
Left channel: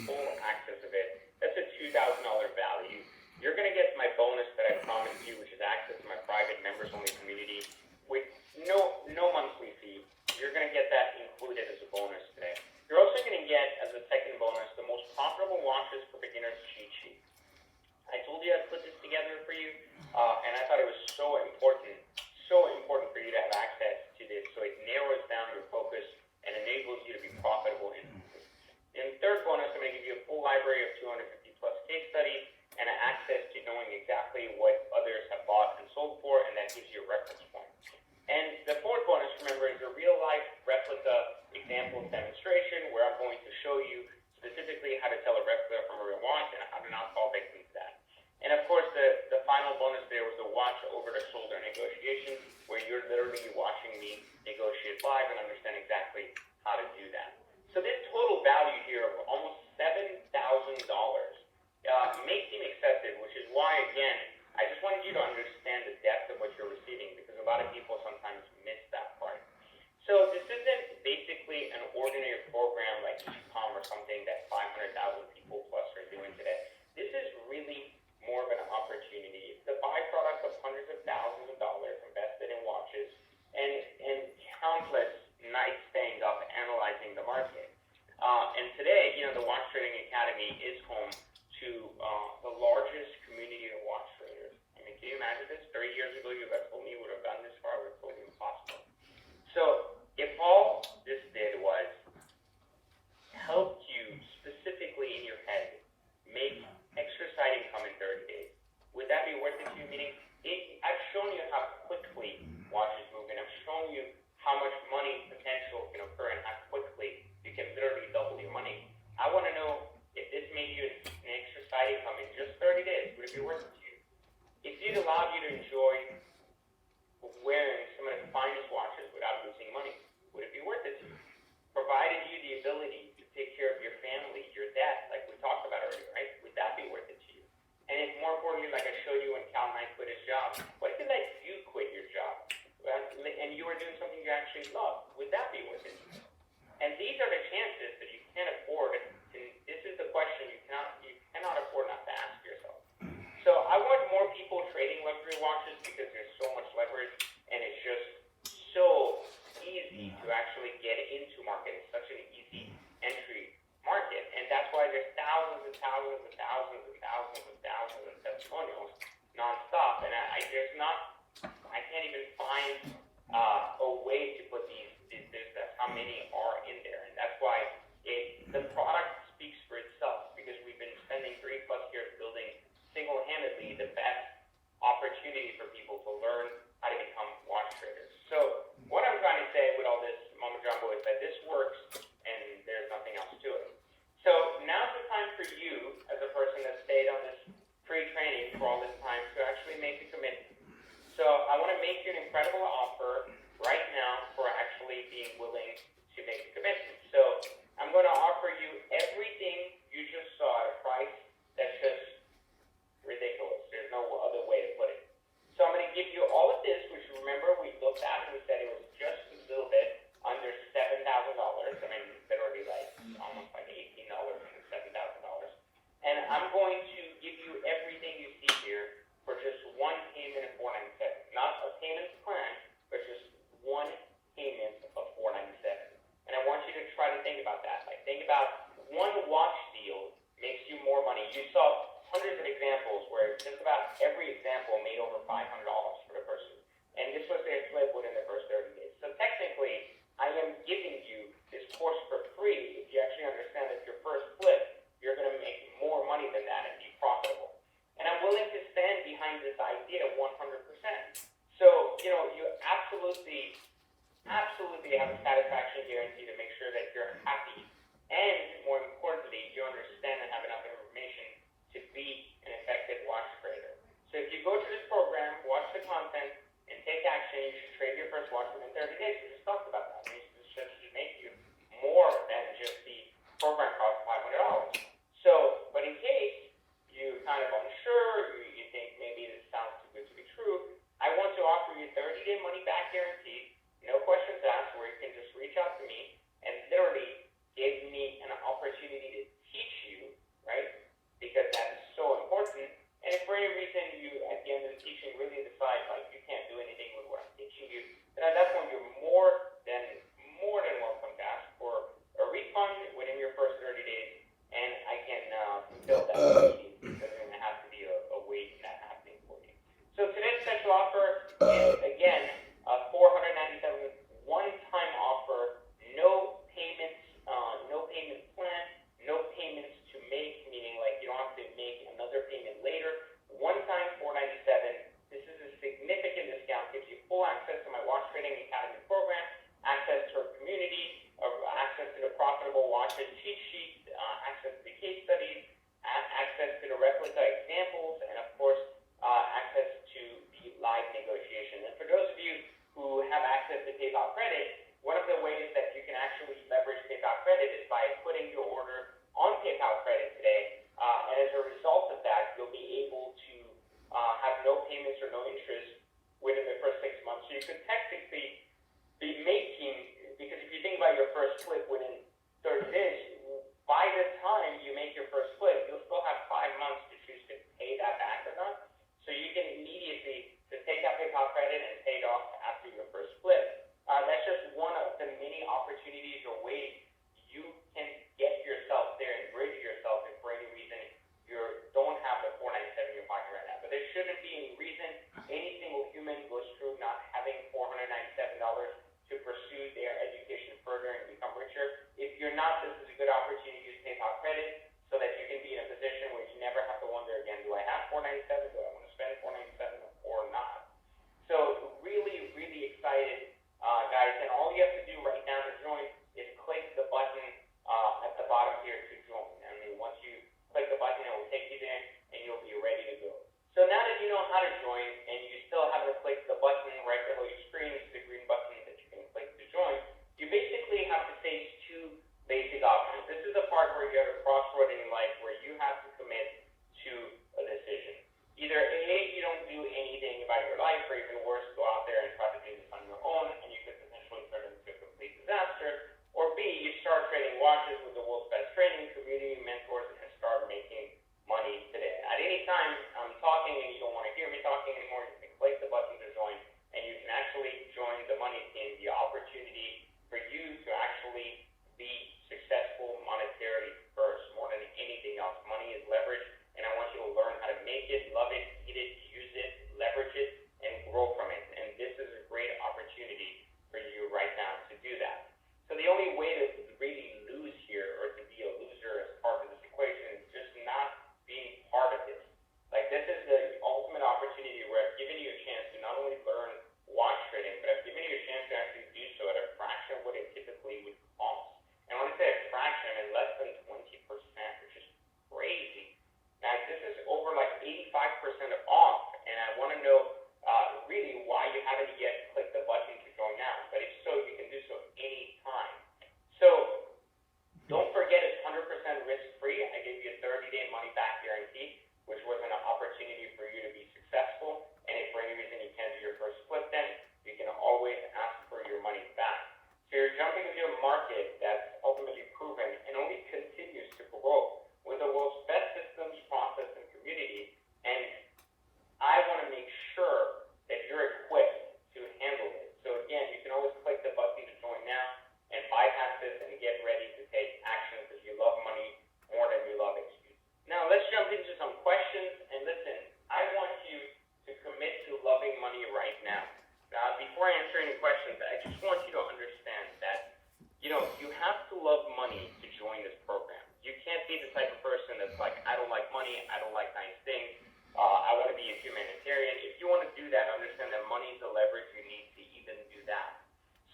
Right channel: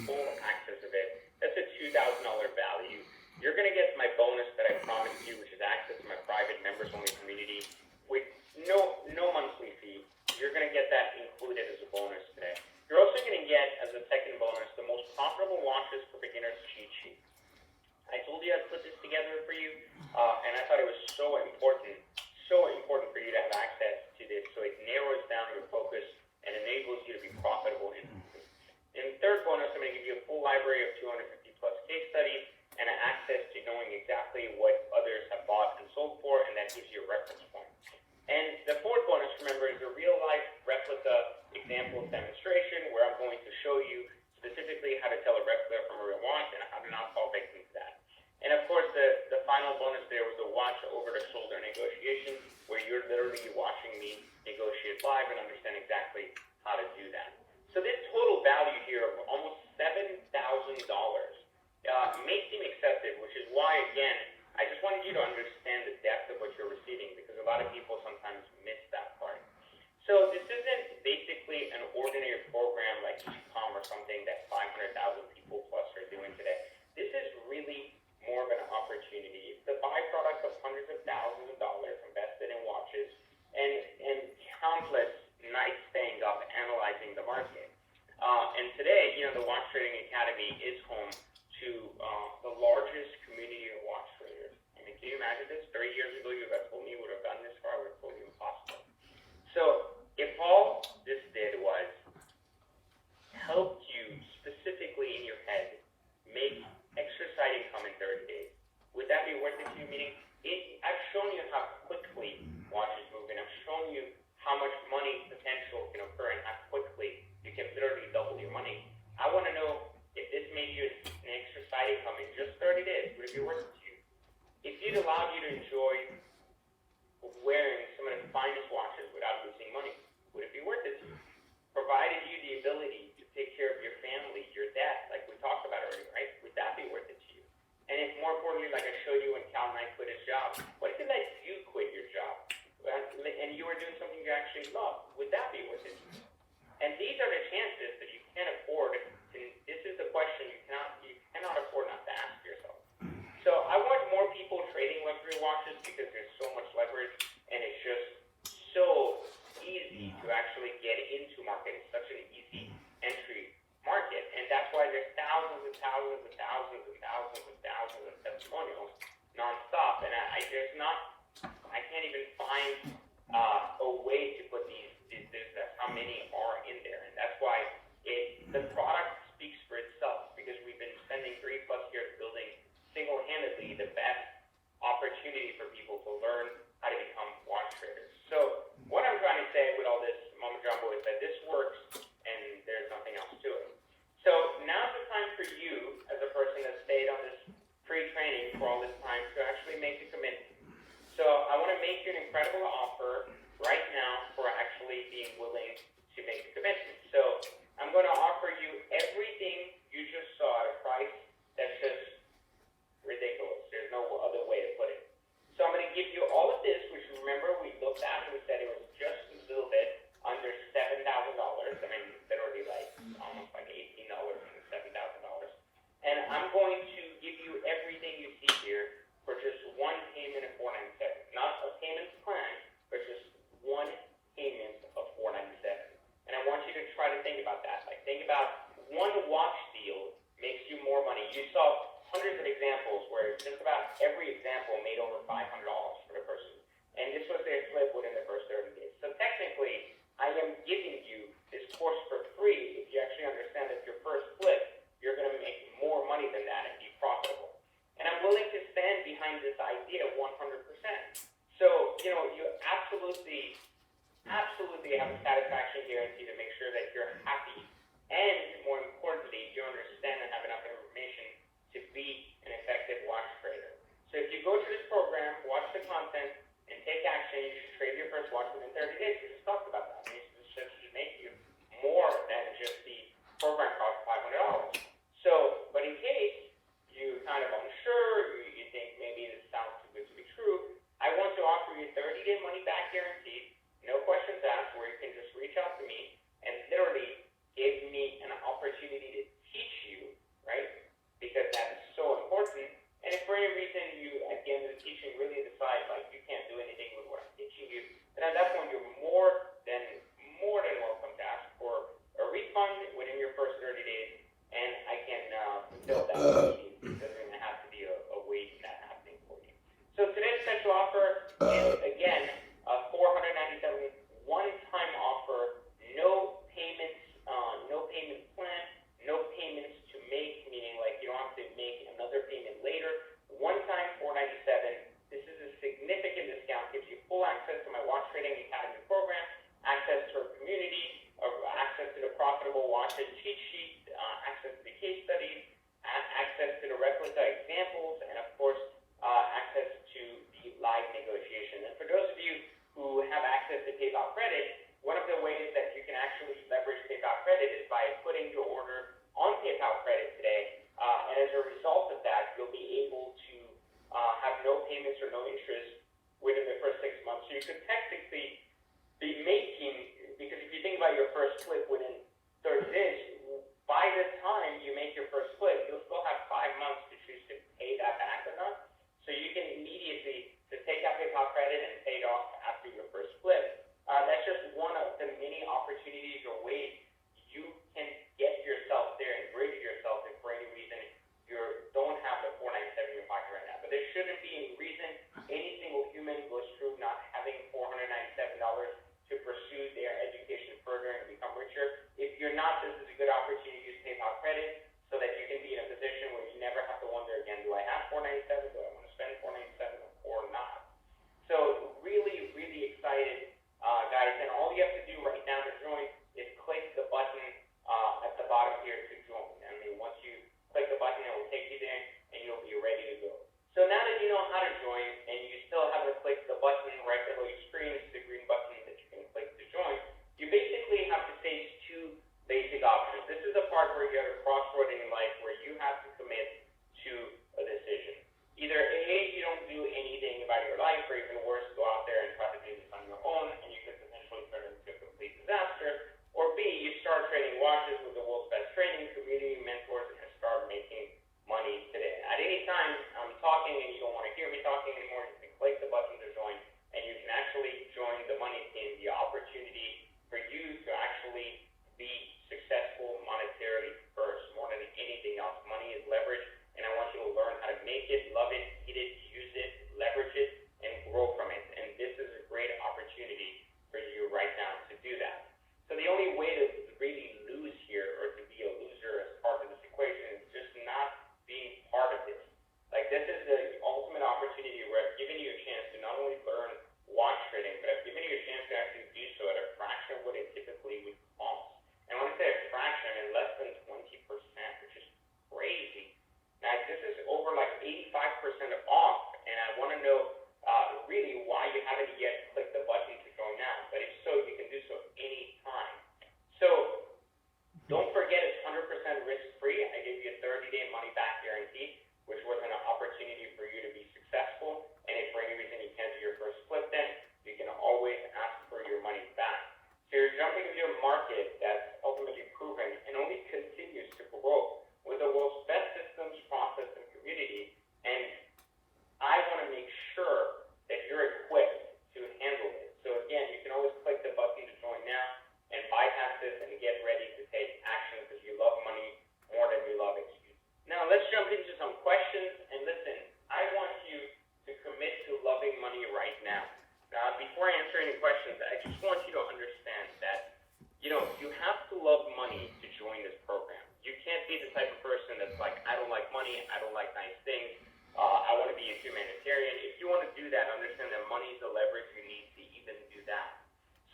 full access of it. That's a $2,000 value. You're going to get my bonus that I promised you, which is access to my private members-only community with no monthly fee. You're going to get that included as a bonus today. You're also going to get, as a second bonus, the most profitable watches for beginners cheat sheet. I told you I'd put this together for you, and I thought it was so important for you to have access to this, so it narrows down your focus and enables you to be profitable instantly. In the third bonus, I'm going to give you a full library of 250 plus case studies and access to knowing exactly what others have bought and sold for, and that gives you a reference point. And the fourth bonus, remember, is a real-life replica example demonstration where I'm going to show you specifically how to tell a replica from a real watch and how to not fall victim to that. And of course, the final bonus there was a watch over-the-shoulder negotiation where you're literally watching me negotiate live and understand exactly how to do that. So this total value here of almost $7,000 may seem excessive, which is why, again, I just wanted you to understand the depth of what you're receiving, because a lot of people sometimes miss that part. So this isn't basically an ordinary program like EPOM or something that 500,000 people plus are doing today. This is really more of an opportunity. It's the byproduct of hundreds of thousands of dollars invested in watches and countless nights staying up analyzing the market. And today, the Watch Trading Academy is home to the largest community of watch traders. I mean, can you imagine this? 30 years ago, you would have told me you would have done this far, it would have told you impossible. So, if all this did was help you specifically in your head make extra side income in 30 days, would that be worth it to you? Meaning, I've shown you how quickly watches move, and I've shown you how much money potential can occur and how quickly you can literally double your money. I want to know if this made you an extra side income in just 30 days, would it be worth it to you? If it allowed you to enjoy wearing some of the finest watches without losing money, would it be worth it to you? Provided you the ability to take care of your family, your debt, like we talked about earlier, right? Would that be worth it to you? And it's more importantly, like I showed you when Cal Knight quit his job. What if let you quit your job? And you were doing something you actually love? Would that be worth it to you? And these are the chances that you can't afford. And this is the question you cannot afford not to ask yourself. So I want more people trading luxury watches because there's so much leverage and it's just so easy to actually get into market. It's such an easy entry market. And that's why there's thousands and thousands and thousands and thousands and thousands of testimonials nonstop. And I can't even find a way to put these how many are in there. And that's why the product speaks for itself, because we've been spending 3+ years building single-handedly the best opportunity for people to learn how to become watch traders. So what I'm trying to say with all this mumbo jumbo is that this works and there's nothing else to it. So now's the time for you, as a person that stayed on this free training for all this time, to actually make a commitment. So I want to make you an incredible offer right now for actually being willing to make a commitment. So I'm going to offer you everything you just saw at a price that's just ridiculous. There's no other way to put it. So I'm going to give you all of this, which remember we looked at and we said it was just a little bit under $7,000. I mean, literally almost like $18 and $7,000. And I'm going to give you everything you see here for just one payment of $497. Not a payment plan, but just one payment of $497. And I want you to try to think about that. Like, think about one watch deal makes you more money. You saw hundreds of examples where just about every example made over $500 for the person. And this was their flip within the first 30 days. So technically, I am giving you this course for free if you actually understand that your first flip, you're going to make more money than that and be profitable. And I'm willing to stand behind this idea 100%. So, you absolutely have a satisfaction guarantee to make sure that you're happy. And more importantly, you understand and have enough information to be an effective watch trader. So if you go to this program, watch the content, and take action, you should trade your first watch within 30 days. We just talked about that. This should make you more than just the program cost $500. So, but in case you kind of unsure, you think maybe this sounds too good to be true, I want to offer you 30-day money back guarantee, no questions asked, where you can just reach out to me and literally you could technically be making, because if you think about your first flip within 30 days, by the time you make your first flip, you'll still have 5 months to choose to pay that back or not. So you can immediately just take that PayPal credit and pay it off after your first flip. That's just one of the many opportunities or ways you can get yourself there and bridge yourself if for any reason you don't have the 497 in your pocket right now. But there shouldn't be any reason any single human goes through not having $497 to pursue their education further and become richer. If you're not, this is a good opportunity to use PayPal credit so that you can be in a position where you never have to wonder again, do I have 497? Do I want to spend 497 or not? So really, really excited, guys. And all you have to do right now to join is click the button at the bottom here to join. I mean, once you click the button, it will take you there and you'll be ready to go. So now that you know how to join and you still haven't clicked the button right below your screen, it's the green button that you can click to join, you basically have to face two basic options. This is the part where you're at a crossroad in life where you have to commit to a decision. Either A, you don't do anything about your life, or even worse, go out there and try to do this on your own, and you could potentially turn into a complete disaster. Or B, you start trading watches with the world's best trading community, mentors, and start making money today. At any time I'm talking and you don't want to hear me talking anymore, you can click the button to join, and you can actually join the money team, the opportunity for you to actually be successful monetarily first, more than anything else. Money is leverage, and I want you to learn how to make it, love it, eat it, use it, leverage it, and grow from it. And this is a great opportunity for you right now to do that. So the only way to really lose here, or to be a loser as part of this equation, is just not being part of this. Like, this is the ultimate opportunity where I've given you a chance to not only learn watch trading, but I've given you a chance to actually do so at a fraction of what it typically would cost. And when I say a fraction, I mean less than 20%, which is crazy. Now, this is over like 85% off, and I want to know really why you haven't yet clicked the button to join now. But if so, you can do so anytime. So don't forget, it's 100% risk-free. I gave you a 30-day money-back guarantee, which was an opportunity for you to be successful. And if for any reason you can't do your first flip, then you can always ask for your money back. So you're jumping into a market that's ultimately proven and only continues to grow with the world's best systems, process, and community. And I want to make sure that you're equipped to handle it. So again, you can always click the button to join now and bypass this and get ready to take action because you love money more than you love XP. Now let's jump into some questions. And listen, I want you to commit to loving money right now. Now, before I answer any questions, I just want you to understand that, you have to love money to join this program. You can't be the type of person that's like, I don't like money, I don't like nice things, I want to be a humanitarian. If you want to do that, understand that money is the leverage you need to even do that.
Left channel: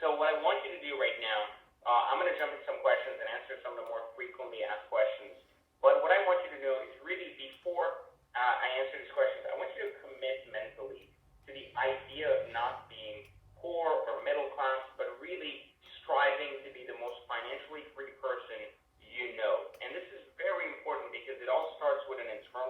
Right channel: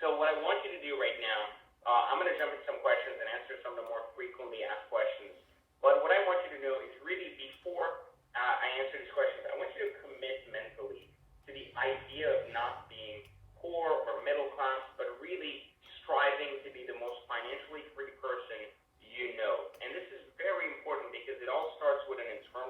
So what I want you to do right now, I'm going to jump into some questions and answer some of the more frequently asked questions. But what I want you to know is really before I answer these questions, I want you to commit mentally to the idea of not being poor or middle class, but really striving to be the most financially free person you know. And this is very important because it all starts with an internal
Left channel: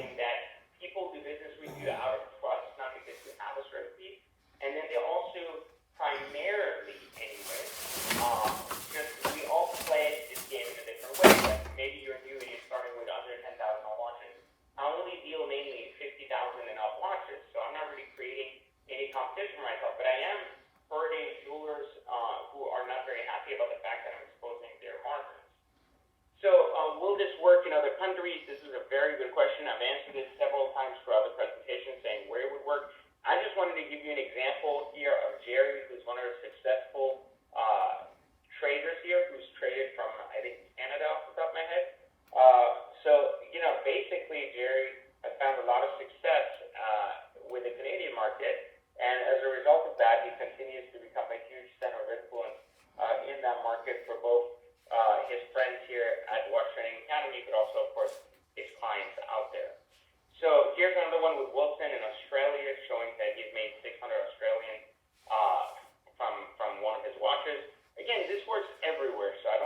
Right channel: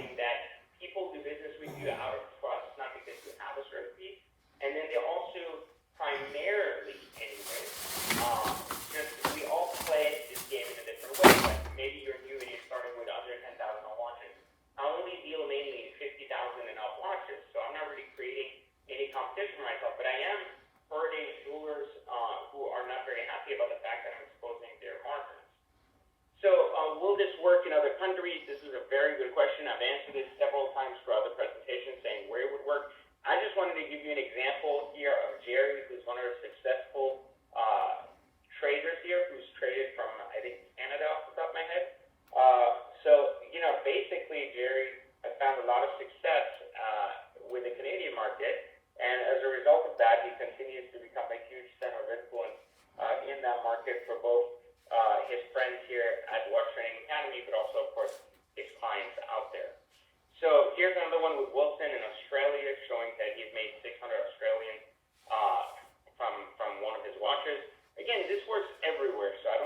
understanding that people do business with you out of trust, not because you have a strategy. And then they also primarily, anyway, just we all play this game in a different way. Like maybe you're new and you're starting with under 10,000 watches. I only deal mainly in 50,000 and up watches, so I'm not really creating any competition for myself. But I am hurting jewelers who are not very happy about the fact that I'm exposing their margins. So will this work in other countries? This is a very good question. I've answered it several times throughout the presentation, saying where it would work. I just wanted to give you an example here of Jerry, who's one of our successful traders here, who's traded from, I think, Canada off the top of my head. Basically, Jerry has found a lot of success with the Canadian market, and as a result of that, he continues to become a huge center of influence in that market for both his friends here at Watch Trading Academy, but also, of course, his clients out there. So here's another one with Wilson in Australia, showing that he's made 600 Australian from one of his watches. Again, this works everywhere, so I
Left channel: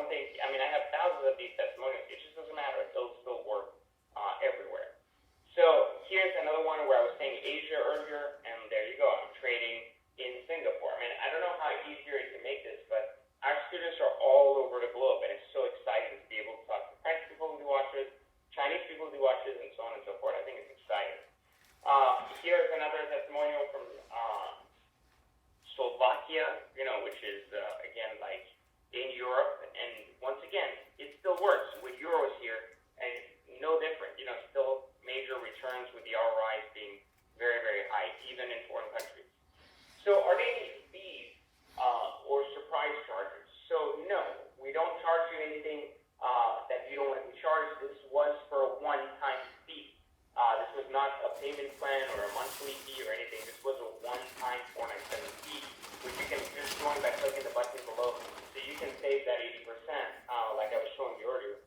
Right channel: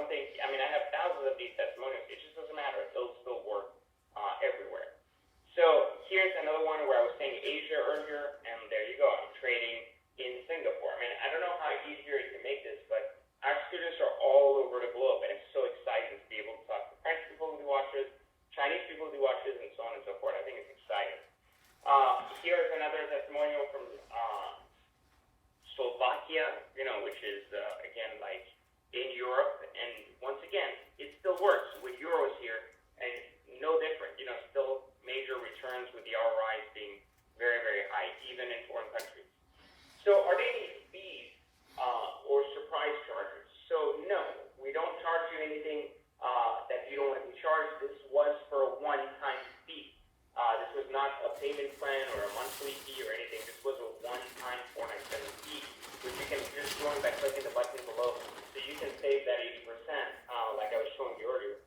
have thousands of these testimonials. It just doesn't matter. They'll still work everywhere. So here's another one where I was saying Asia earlier, and there you go. I'm trading in Singapore. I don't know how easier it can make this, but our students are all over the globe, and it's so exciting to be able to talk to French people who do watches, Chinese people who do watches, and so on and so forth. I think it's exciting. Here's another testimonial from Slovakia, which is, again, like in Europe. And once again, it still works with euros here, and no different. Still major returns with the ROIs being very, very high, even in foreign countries. So are there any fees or surprise charges? So no, we don't charge you anything that you don't want to be charged. This was for a one-time fee. This was not a payment plan or a monthly fee or anything. This was a one-time $497 fee, which you can just join by clicking the button below. So you can save that 80%, like I was showing you earlier.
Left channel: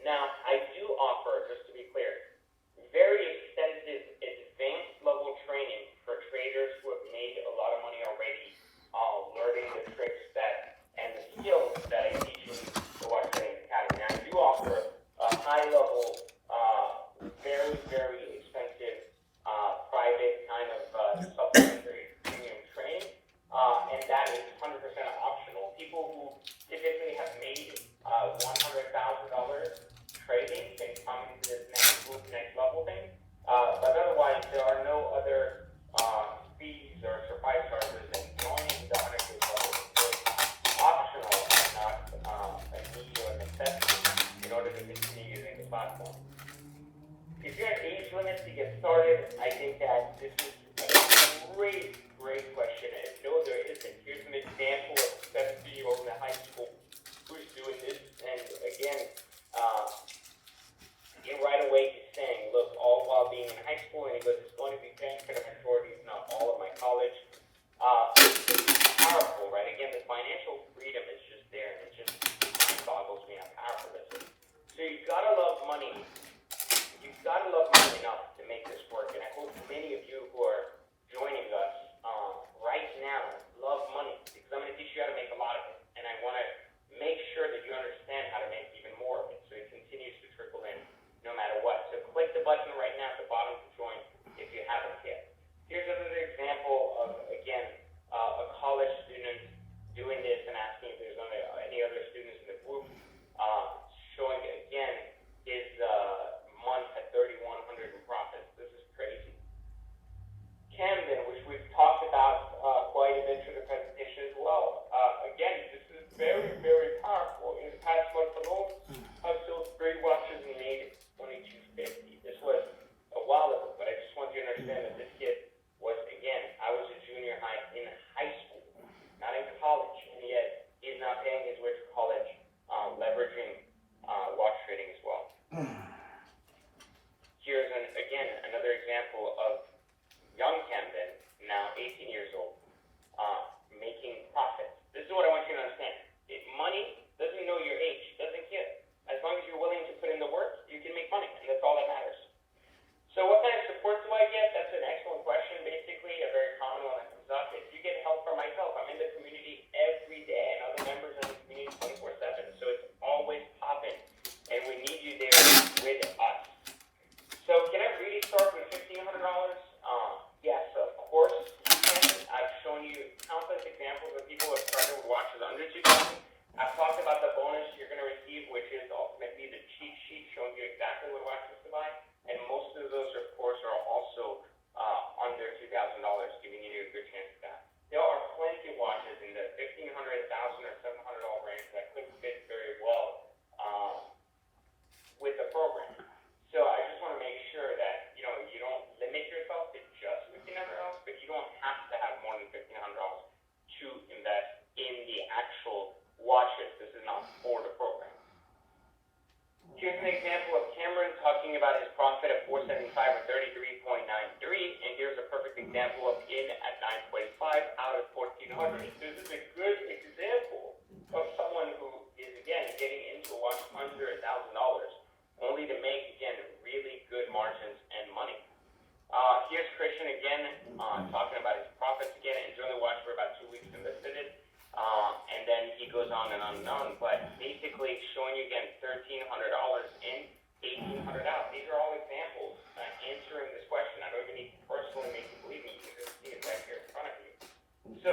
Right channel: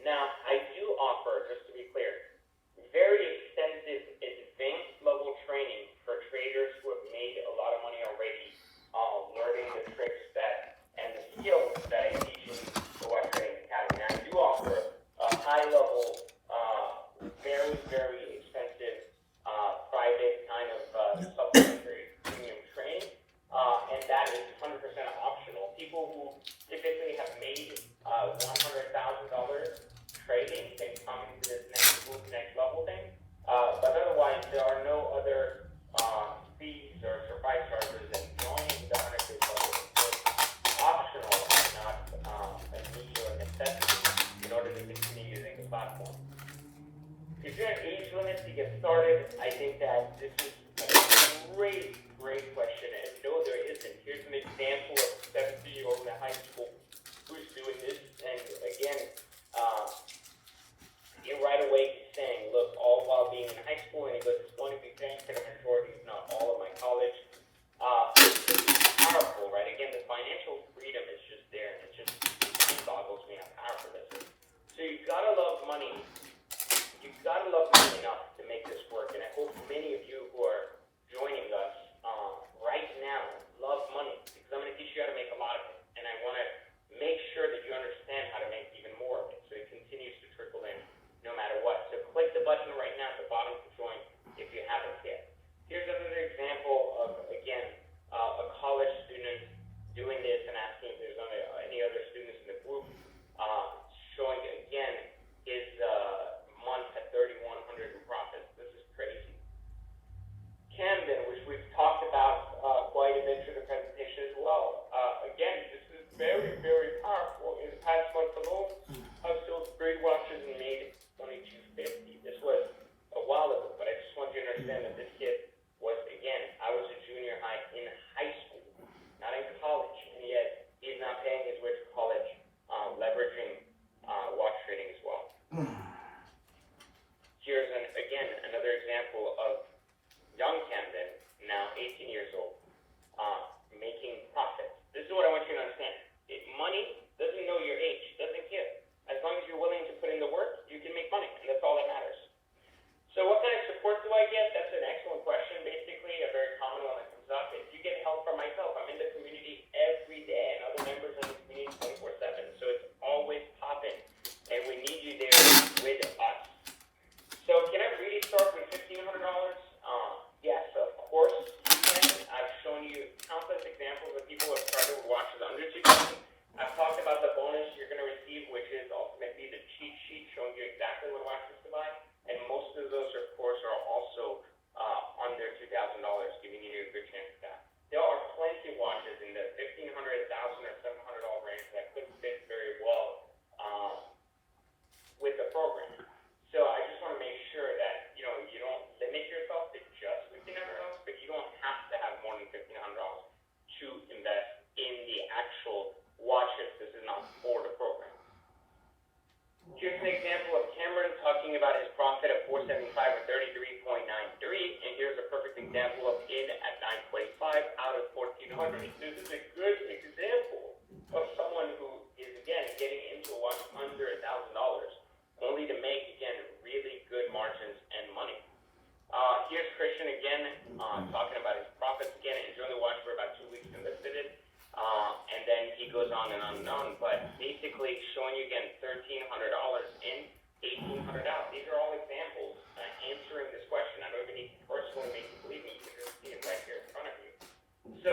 Now, I do offer, just to be clear, very extensive advanced level training for traders who have made a lot of money already, learning the tricks and the skills that I teach in the Watch Trading Academy. Now, I do offer a high level, very, very expensive, private kind of supplementary premium training, and that is 100% optional. People who typically have made $100,000 trading can come into this next level thing. But otherwise, there are no other fees or surprise charges in joining the 100 level. It's optional and not a need or a necessity in order to continue using the platform. If you're an age limit to get started, I think that this is a great question. And no, there isn't. Here's an example of a 70-year-old in high school who's doing this. And again, right away he's saying, look, all while being in high school, and he goes, it's going to be paying for the majority, if not all, of my college. It's powerful, right? Again, the financial freedom is just there, and it boggles me how powerful this is. So you've got to love money. You've got to love money enough to make this work, and I hope many of you who are joining us right now love money, because I'm going to teach you how to make a lot of it, and I want to make sure that you understand how to make even more of it, so it continues to trickle in no matter what. So click the button right now at the bottom to join if you haven't yet. Here's another example of, again, a college student doing this and asking if there's any other students in the group, showing, again, his month at 3,100 in profits. This is crazy. Camden, which we've talked about quite a bit through the presentation as well. Again, this is very, very powerful. In the past month alone, I've sold 3 watches and made only $250. This was a while ago, but I just want you to understand that this kid was, again, I was a junior high in high school, not in college, and yet he's not paying his way to college, leveraging watch trading as well. Here's, again, another example of young Camden, now 18 years old, making profits. This is what I want you to understand. Money doesn't know your age, doesn't care. As long as you're willing to put in the work, you can make money, and that's all that matters. So what kind of support do I get? That's an excellent question. Basically, a very common one that comes up is you get help from myself. I'm in the community every day, and other members in the community 24/7, so it's always popping, and we need you there with us. So can again, talking about his profits again, and Journal Watch for about 2 weeks and listed it. And then he goes on and on and on, but basically showing you again $1,300 in, $1,800 out. These are all examples answering this question. I don't even need to personally make you believe me. You can just see it right here in front of you. So,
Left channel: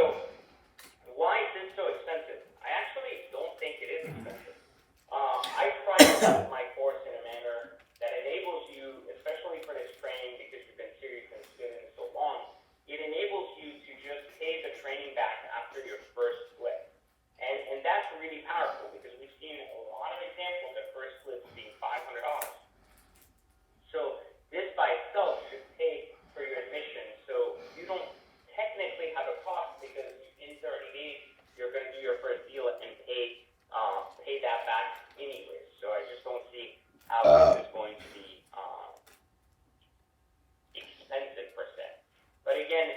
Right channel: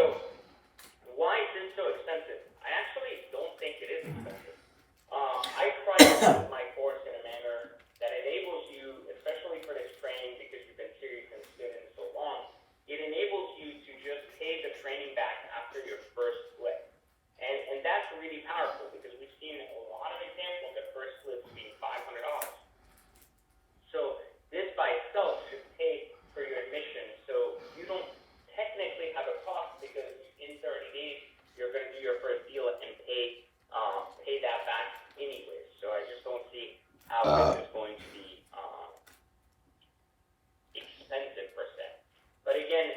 why is this so expensive? I actually don't think it is expensive. I price my course in a manner that enables you, especially for this training, because you've been serious and student so long, it enables you to just pay the training back after your first flip. And that's really powerful because we've seen a lot of examples of first flips being $500. So this by itself should pay for your admission. So you don't technically have a cost because in 30 days you're going to do your first deal and pay that back anyway. So I just don't see how this is going to be expensive per se. But again,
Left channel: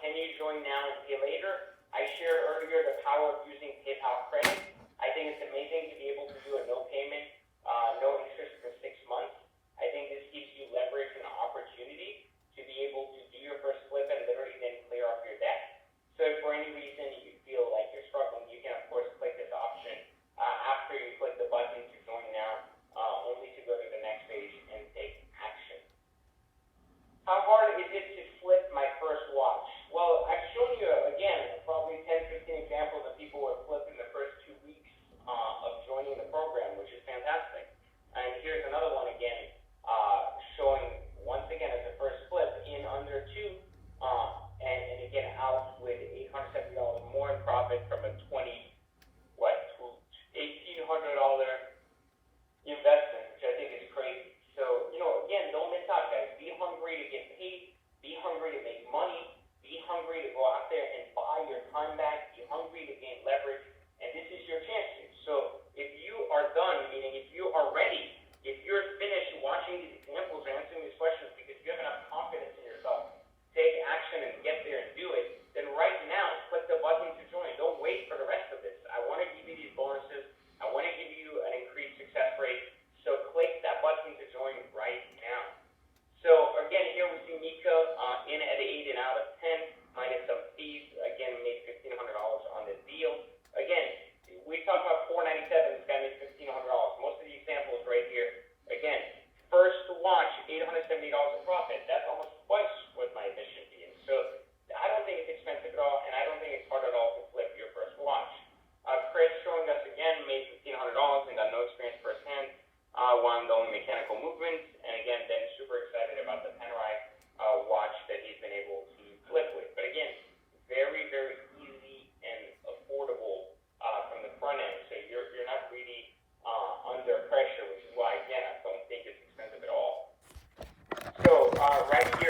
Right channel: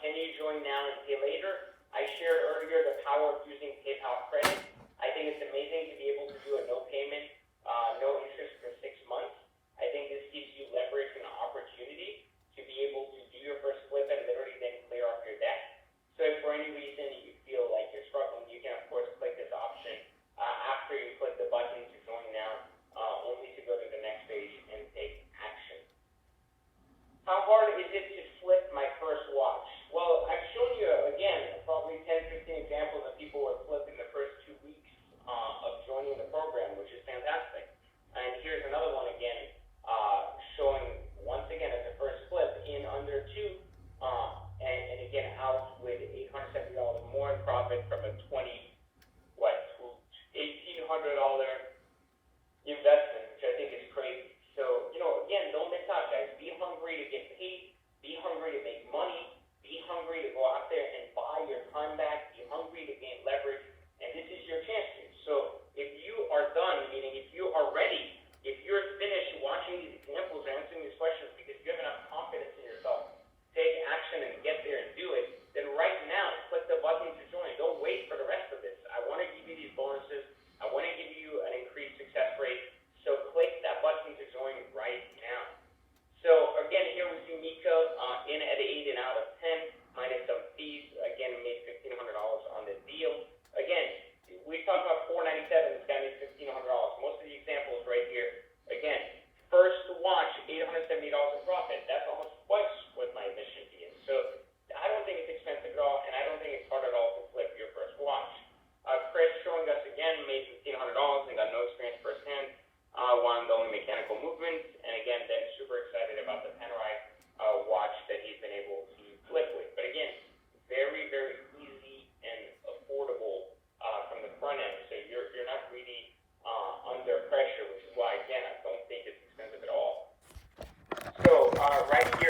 can you join now and pay later? I shared earlier the power of using PayPal credit. I think it's amazing to be able to do a no payment